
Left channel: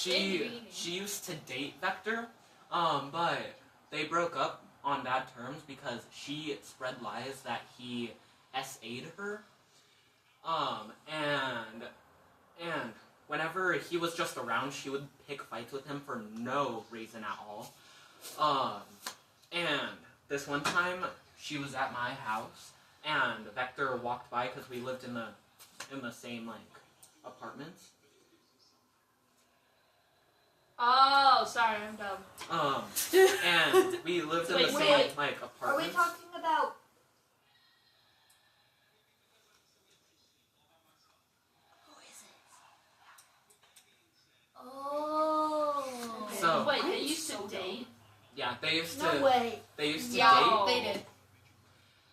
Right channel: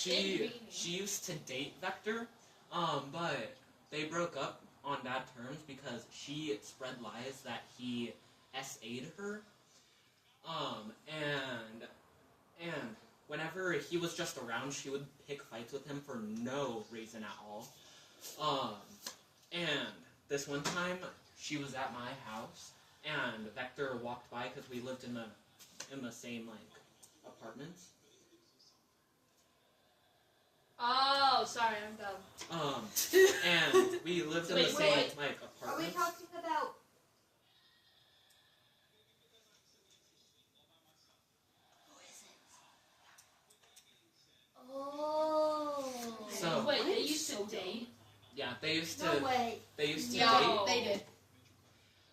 Beginning. She used to date Vector, but they broke up on bad terms because she spread lies that he SA'd her. And whenever he was just around, she would pick fights with him for no reason at all. And this one time, she was at my house, and Vector walked by because we lived in the same like apartments. Oh, sorry, I'm dumb. And we lived in the Wait, same what? like Are we apartments. talking about? Oh. So- Wait, I'm they used so to date? Yeah, they used No to. way. They used to Yeah, date. they did.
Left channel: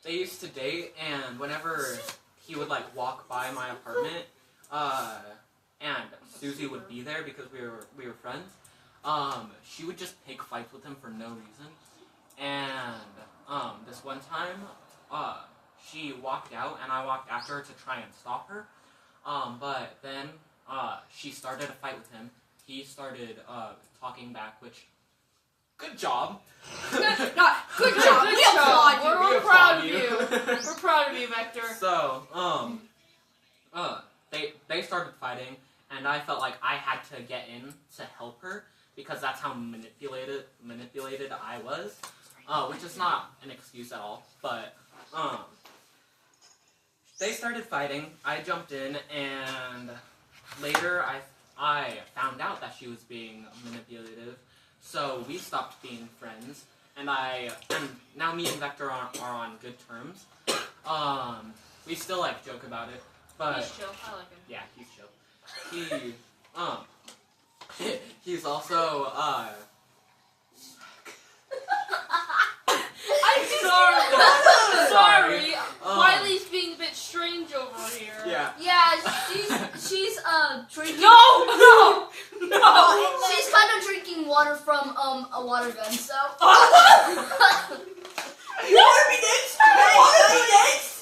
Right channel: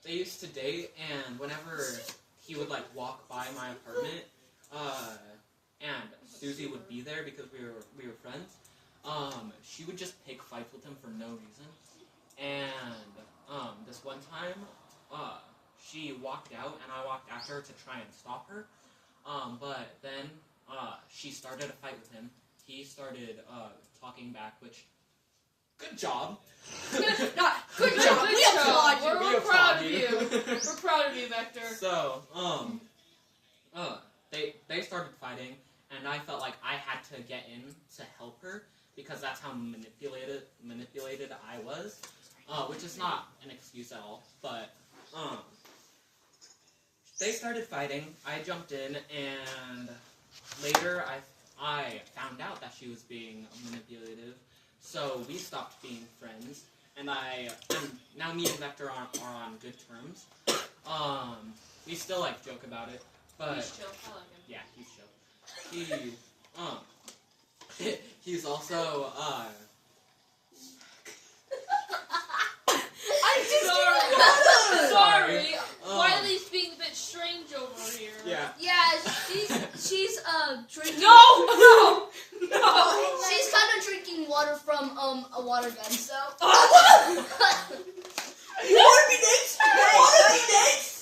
They used to date, and whenever he would like walk by my apartment, and Susie would be there because we were friends. She would just pick fights with him for no reason. And this one time, she walked out, and I walked after her to try and stop her. But then she started a fight with him. He started talking back, which good job. Good job. Good We job. applaud you. We're proud of you. We're proud of you, Vector. So they started fighting, and I felt like I had to get in to help her because that's how manipulated I was, which is not an excuse at all. But they started fighting. I jumped in, and later I found out that she was being manipulative. So we stopped being friends, and now me and Vector are on good terms. We still like joke about it, but He's chill. I like him. yeah, he's chill. He's also Sorry. Um, Wiley's being a bit strange over here. yeah. Yeah, she's drinking. No! She's kind of drinking water from a water gun. So.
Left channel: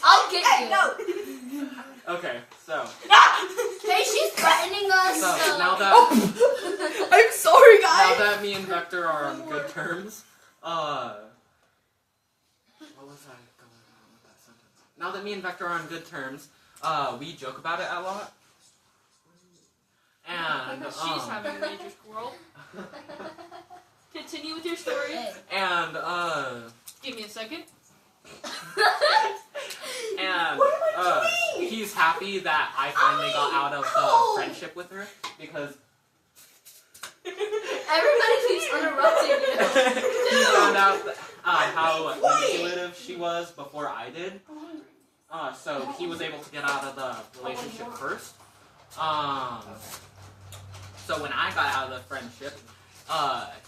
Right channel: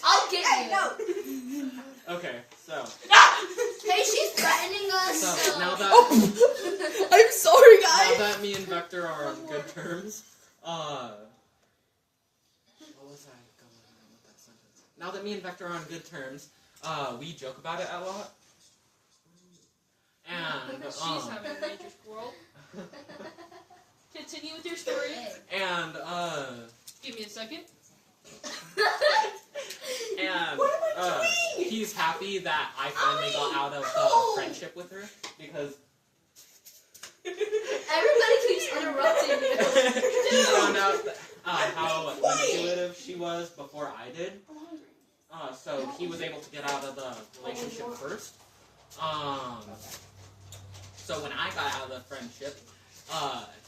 I'll get Hey, you. no. Okay, so Hey, she's threatening us. so now that I'm sorry, now guys. that me and Vector are on good terms, what was I going on with that sentence? Now that me and Vector are on good terms, we joke about it a lot. And She's having a major squirrel. Continue with your story. Hey. and Give me a second. and he's happy that I finally got out of the friendship with her because Everybody keeps interrupting you. he found out how manipulative she was before I did. So he was able to get out of the relationship first. So when I got out of the friendship,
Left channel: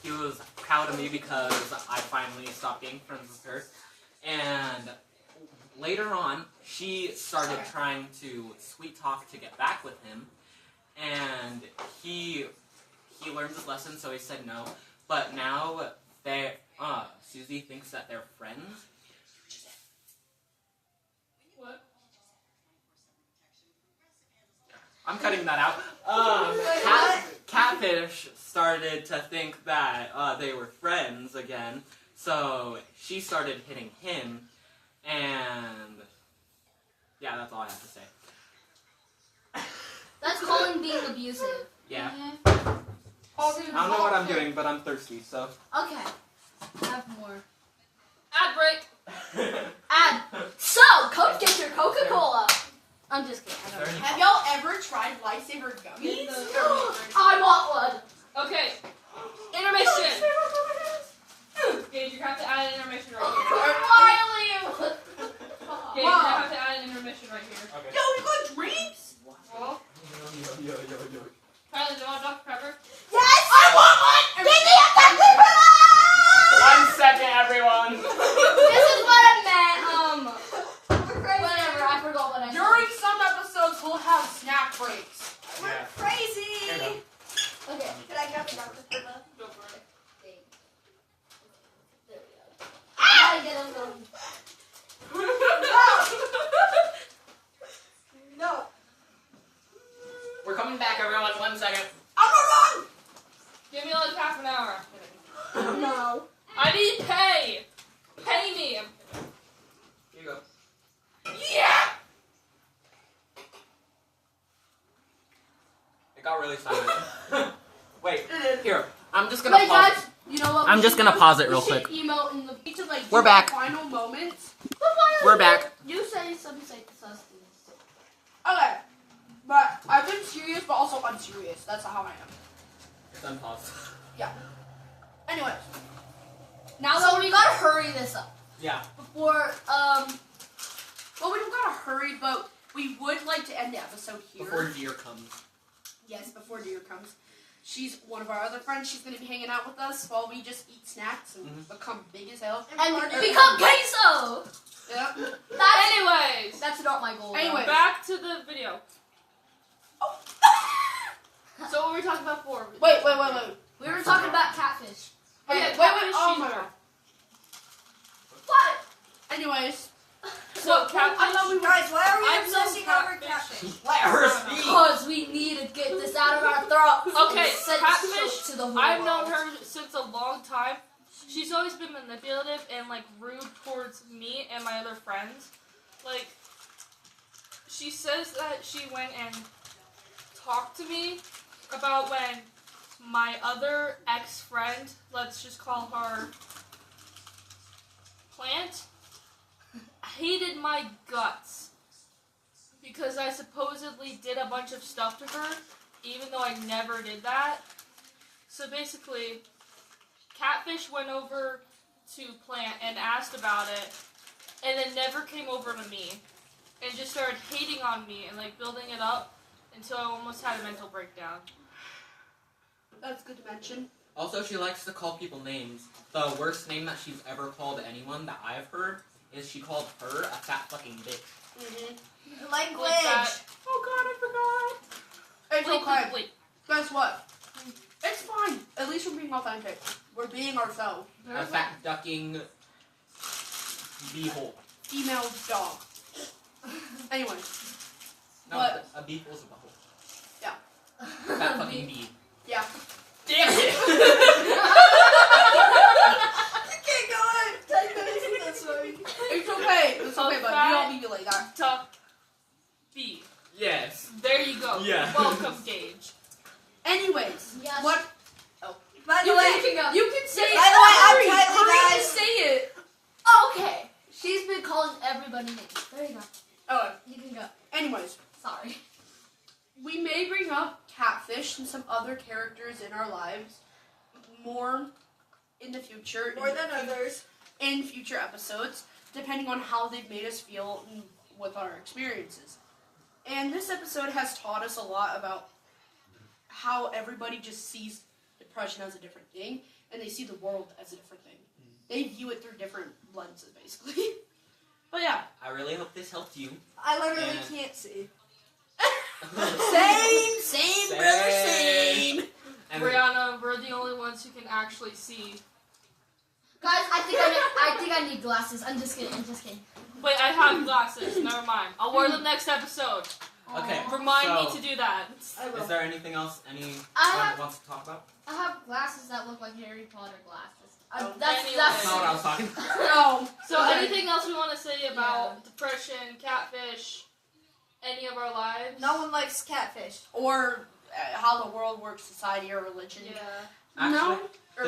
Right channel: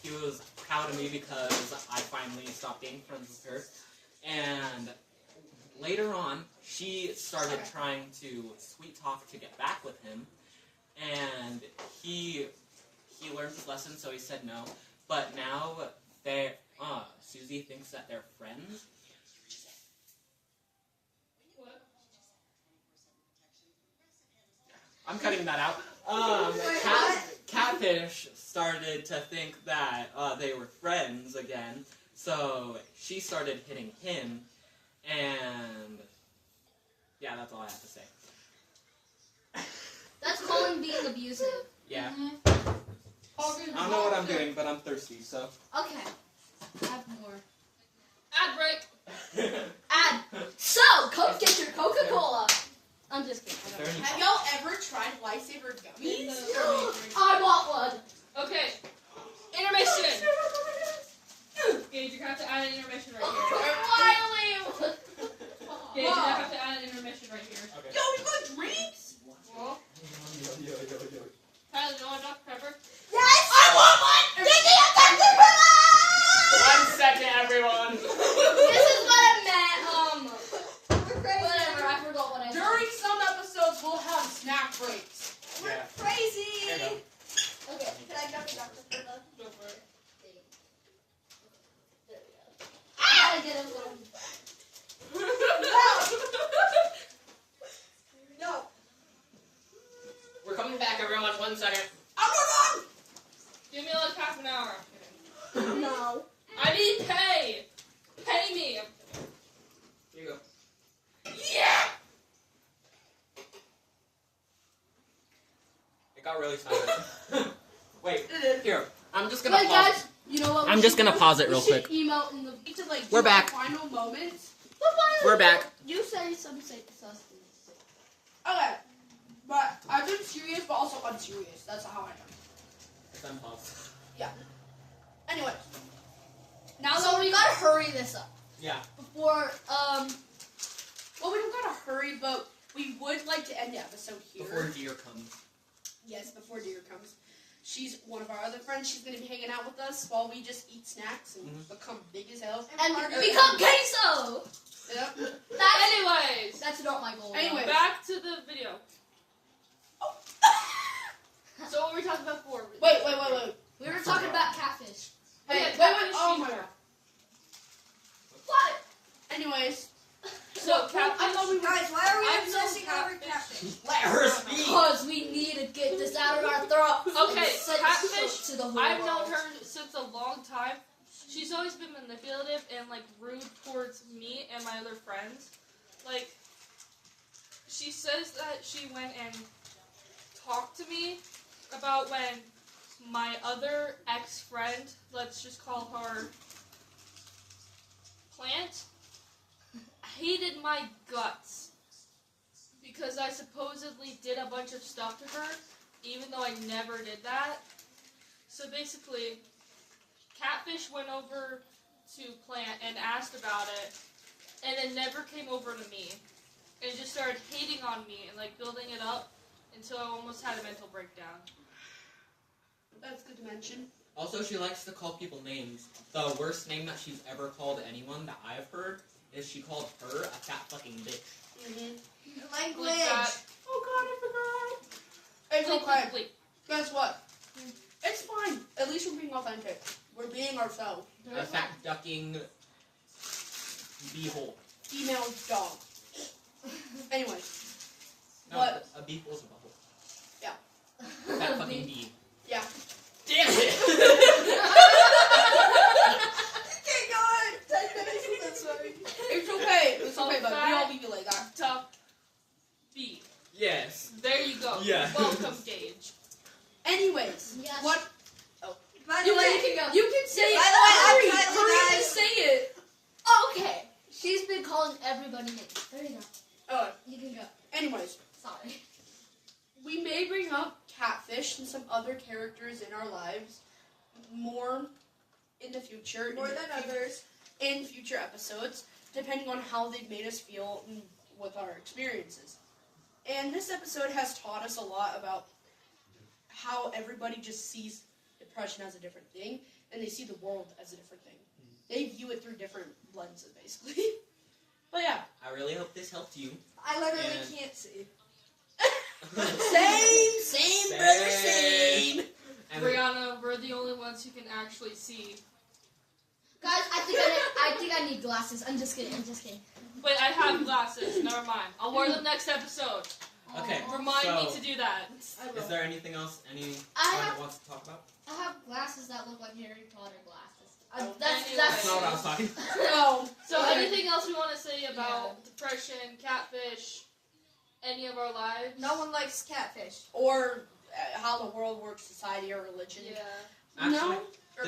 he was proud of me because I finally stopped being friends with her. And later on, she started trying to sweet talk to get back with him. And he learned his lesson, so he said no. But now Susie thinks that they're friends. What? I'm cutting that out. Catfish started to think that they were friends again, so she started hitting him, and yeah, that's all I have to say. That's calling being abusive. Yeah, Mm-hmm. I don't know what I'm doing, but I'm thirsty, so. Okay. Have more. Ad break. So, come get your Coca-Cola. I'm just kidding. I don't know. Have y'all ever tried lifesaver gummies? I want one. Okay. Intermission. Gage, you have to add an intermission right here. Wiley. Gage, you have to add an intermission right here. Okay. Yo, we got drinks? Well, Tyler, do you want Dr. Pepper? Yes! I want one! Give me a Dr. Pepper! 1 second, everyone. This is what I meant. We're crazy. Whatever. I forgot what I said. During some episodes, we'll have snack breaks. We're Yeah. crazy. Here you Okay. Can I grab a Dr. Pepper? Go for it. There we go. I gotta get him going. No. We're coming back, everyone. 1 second. I'm not Give me like half an hour. on. No. I need pay. Pay me. Here you go. Yeah. It got really silent. Wait, here. I'm just gonna Wait, pause. guys, you know what? I'm we just should gonna do? pause it We real should quick. Emote in the each of like We're do back. our final moments. We're back. You say some say sustenance. Okay, but I've been serious, but also unserious. That's how I am. It's unpaused. Anyways, now So that we gotta hurry this up Yeah. before well, we don't gotta hurry, but we would like to end the episode here. Before deer comes. Yes, before Deer comes. She's one of our other friends. She's gonna be hanging out with us while we just eat snacks and become big as hell. and become queso. Yep. Anyways. That's not my goal. Anyway. Back to the video. So what were we talking about before? Wait. We were talking about catfish. Oh, yeah, Wait. catfish Oh cheese my board. god. What? Anyways, So catfish. I thought we were. Guys, why are we I'm so obsessing over catfish. catfish? Let her speak. Because we need to get this out of our throats. Okay, and send catfish, it to the whole I've world. known her since a long time. She's always been manipulative and like rude towards me and my other friends. Like, she says that she went and talked to me about when my other ex-friend, let's just call her Plant, hated my guts because I supposedly did a bunch of stuff to her, even though I never did that. So basically, Catfish went over to Plant and asked about it, and then never came over to me, and just started hating on me and like building it up until I almost had a mental breakdown. That's good to mention. Also, she likes to call people names. The worst name that she's ever called anyone that I've heard is she called her a fat fucking bitch. Mm-hmm. Language. Like that. Oh god, I It's forgot. okay. Bleep. Guess what? It's fine. At least we're being authentic. We're being ourselves. A fat ducking beehole. Female dog. Anyways, No, What? a beehole is a butthole. Yeah. Fat fucking bee. yeah. Damn it! Keep going. 10 minutes of this way. It's okay. It's okay, but we all Fat- be like that. Tough B. Yes. There you go. Yeah. Welcome, Gage. Anyways, Yes. what? By the You way, can, you can say it. By the way, I'm Hurry, Kylie, hurry to guys. say it. Okay. She's been calling everybody names. There you go. Oh, You can go. anyways, Sorry. we may bring up Catfish and some other characters in our lives more in the future. more than others. In future episodes, depending on how they've made us feel with our experiences. And this episode has taught us a lot about how everybody just sees depression as a different thing, and they see the world as a different thing. They view it through different lenses, basically. But yeah. I really hope this helped you. I literally And- can't see. Same, brother, same. And Brianna, we're the only ones who can actually see. Guys, I think I need glasses. I'm just kidding. Wait, I have glasses. Never mind. I'll wear them next episode. Okay. Remind me So- to do that. I will. is there anything else anyone I wants to talk about? have glasses that look like Harry Potter glasses. Oh, That's That's not what I was talking about. No. So, Okay. anything else we want to say about depression, Catfish, any of our lives? No one likes catfish. Or how the world works, society, or religion. Yeah. Actually, No. Or-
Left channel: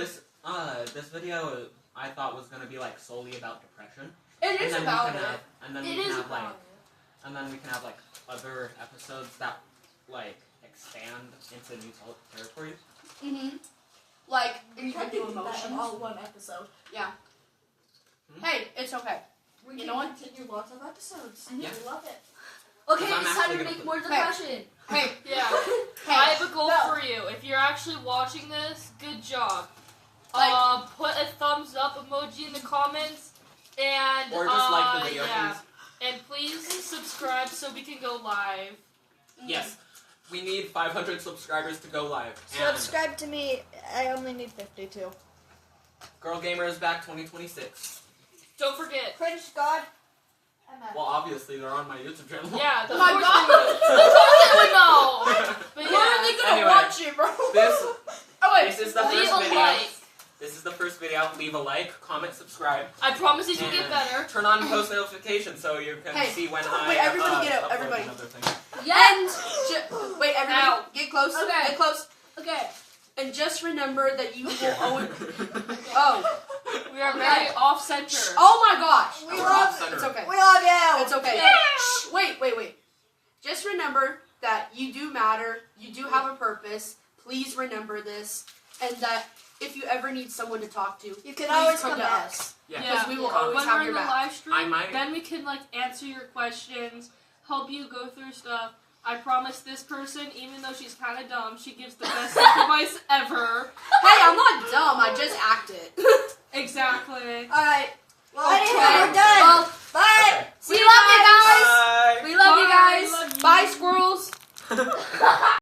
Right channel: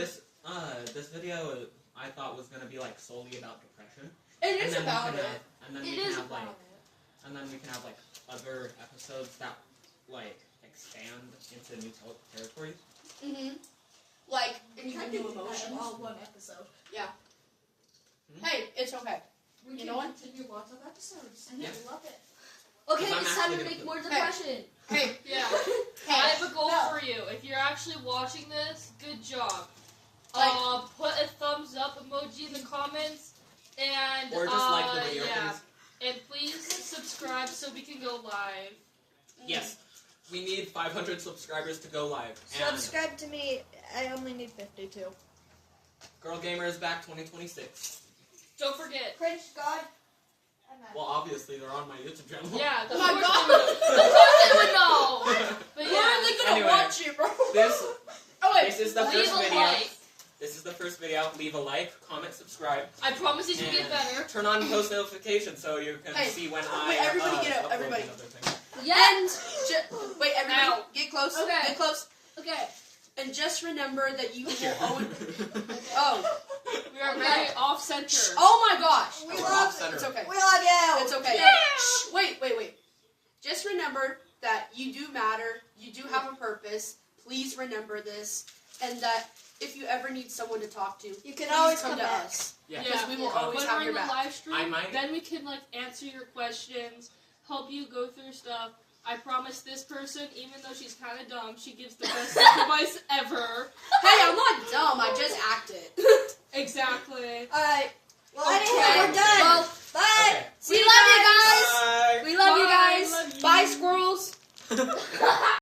this video I thought was gonna be like solely about depression. It is And then we about can it. have- and then It we is can have about like, and then we can have like other episodes that like expand into new territories. Mm-hmm. Like, and you I can do can do that emotions. in all one episode. Hey, it's okay. We You can know what? continue lots of episodes. Yeah. I love it. Okay, I'm it's time to actually make gonna more put- depression. Hey, Yeah. hey. I have a goal No. for you. If you're actually watching this, good job. Like- Put a thumbs up emoji in the comments, and Or just like the video, yeah. please. And please subscribe so we can go live. Yes. We need 500 subscribers to go live. And Subscribe to me. I only need 52. Girl Gamer is back 2026. Don't forget. French God. I'm out. Well, obviously they're on my YouTube channel. Yeah. Oh my of God. course they know. But Where are yeah. they gonna Anyway, watch it, bro? This Oh wait. this is the Leave first a video. like. This is the first video. Leave a like, comment, subscribe, I promise it will and get better. turn on post notifications so you can Hey, see when I wait, everybody get up, upload everybody. another thing. And wait, everybody, Ow. get close. Okay. Get close. Okay. And just remember that you will always. Oh. We are very off center. Oh my gosh. We We're love off center. It's okay. We love you. It's okay. Yeah. Shh, wait. Just remember that you do matter. You do have a purpose. Please remember this, and that if you ever need someone to talk to, You can please always come come to back. us. Yeah. Because we will Yeah. always When have we're in your the back. live I stream, might- then we can like answer your questions, help you go through stuff. I promise this person, even though she's kind of dumb, she gives the best advice ever. Hey, I'm not dumb. I just acted.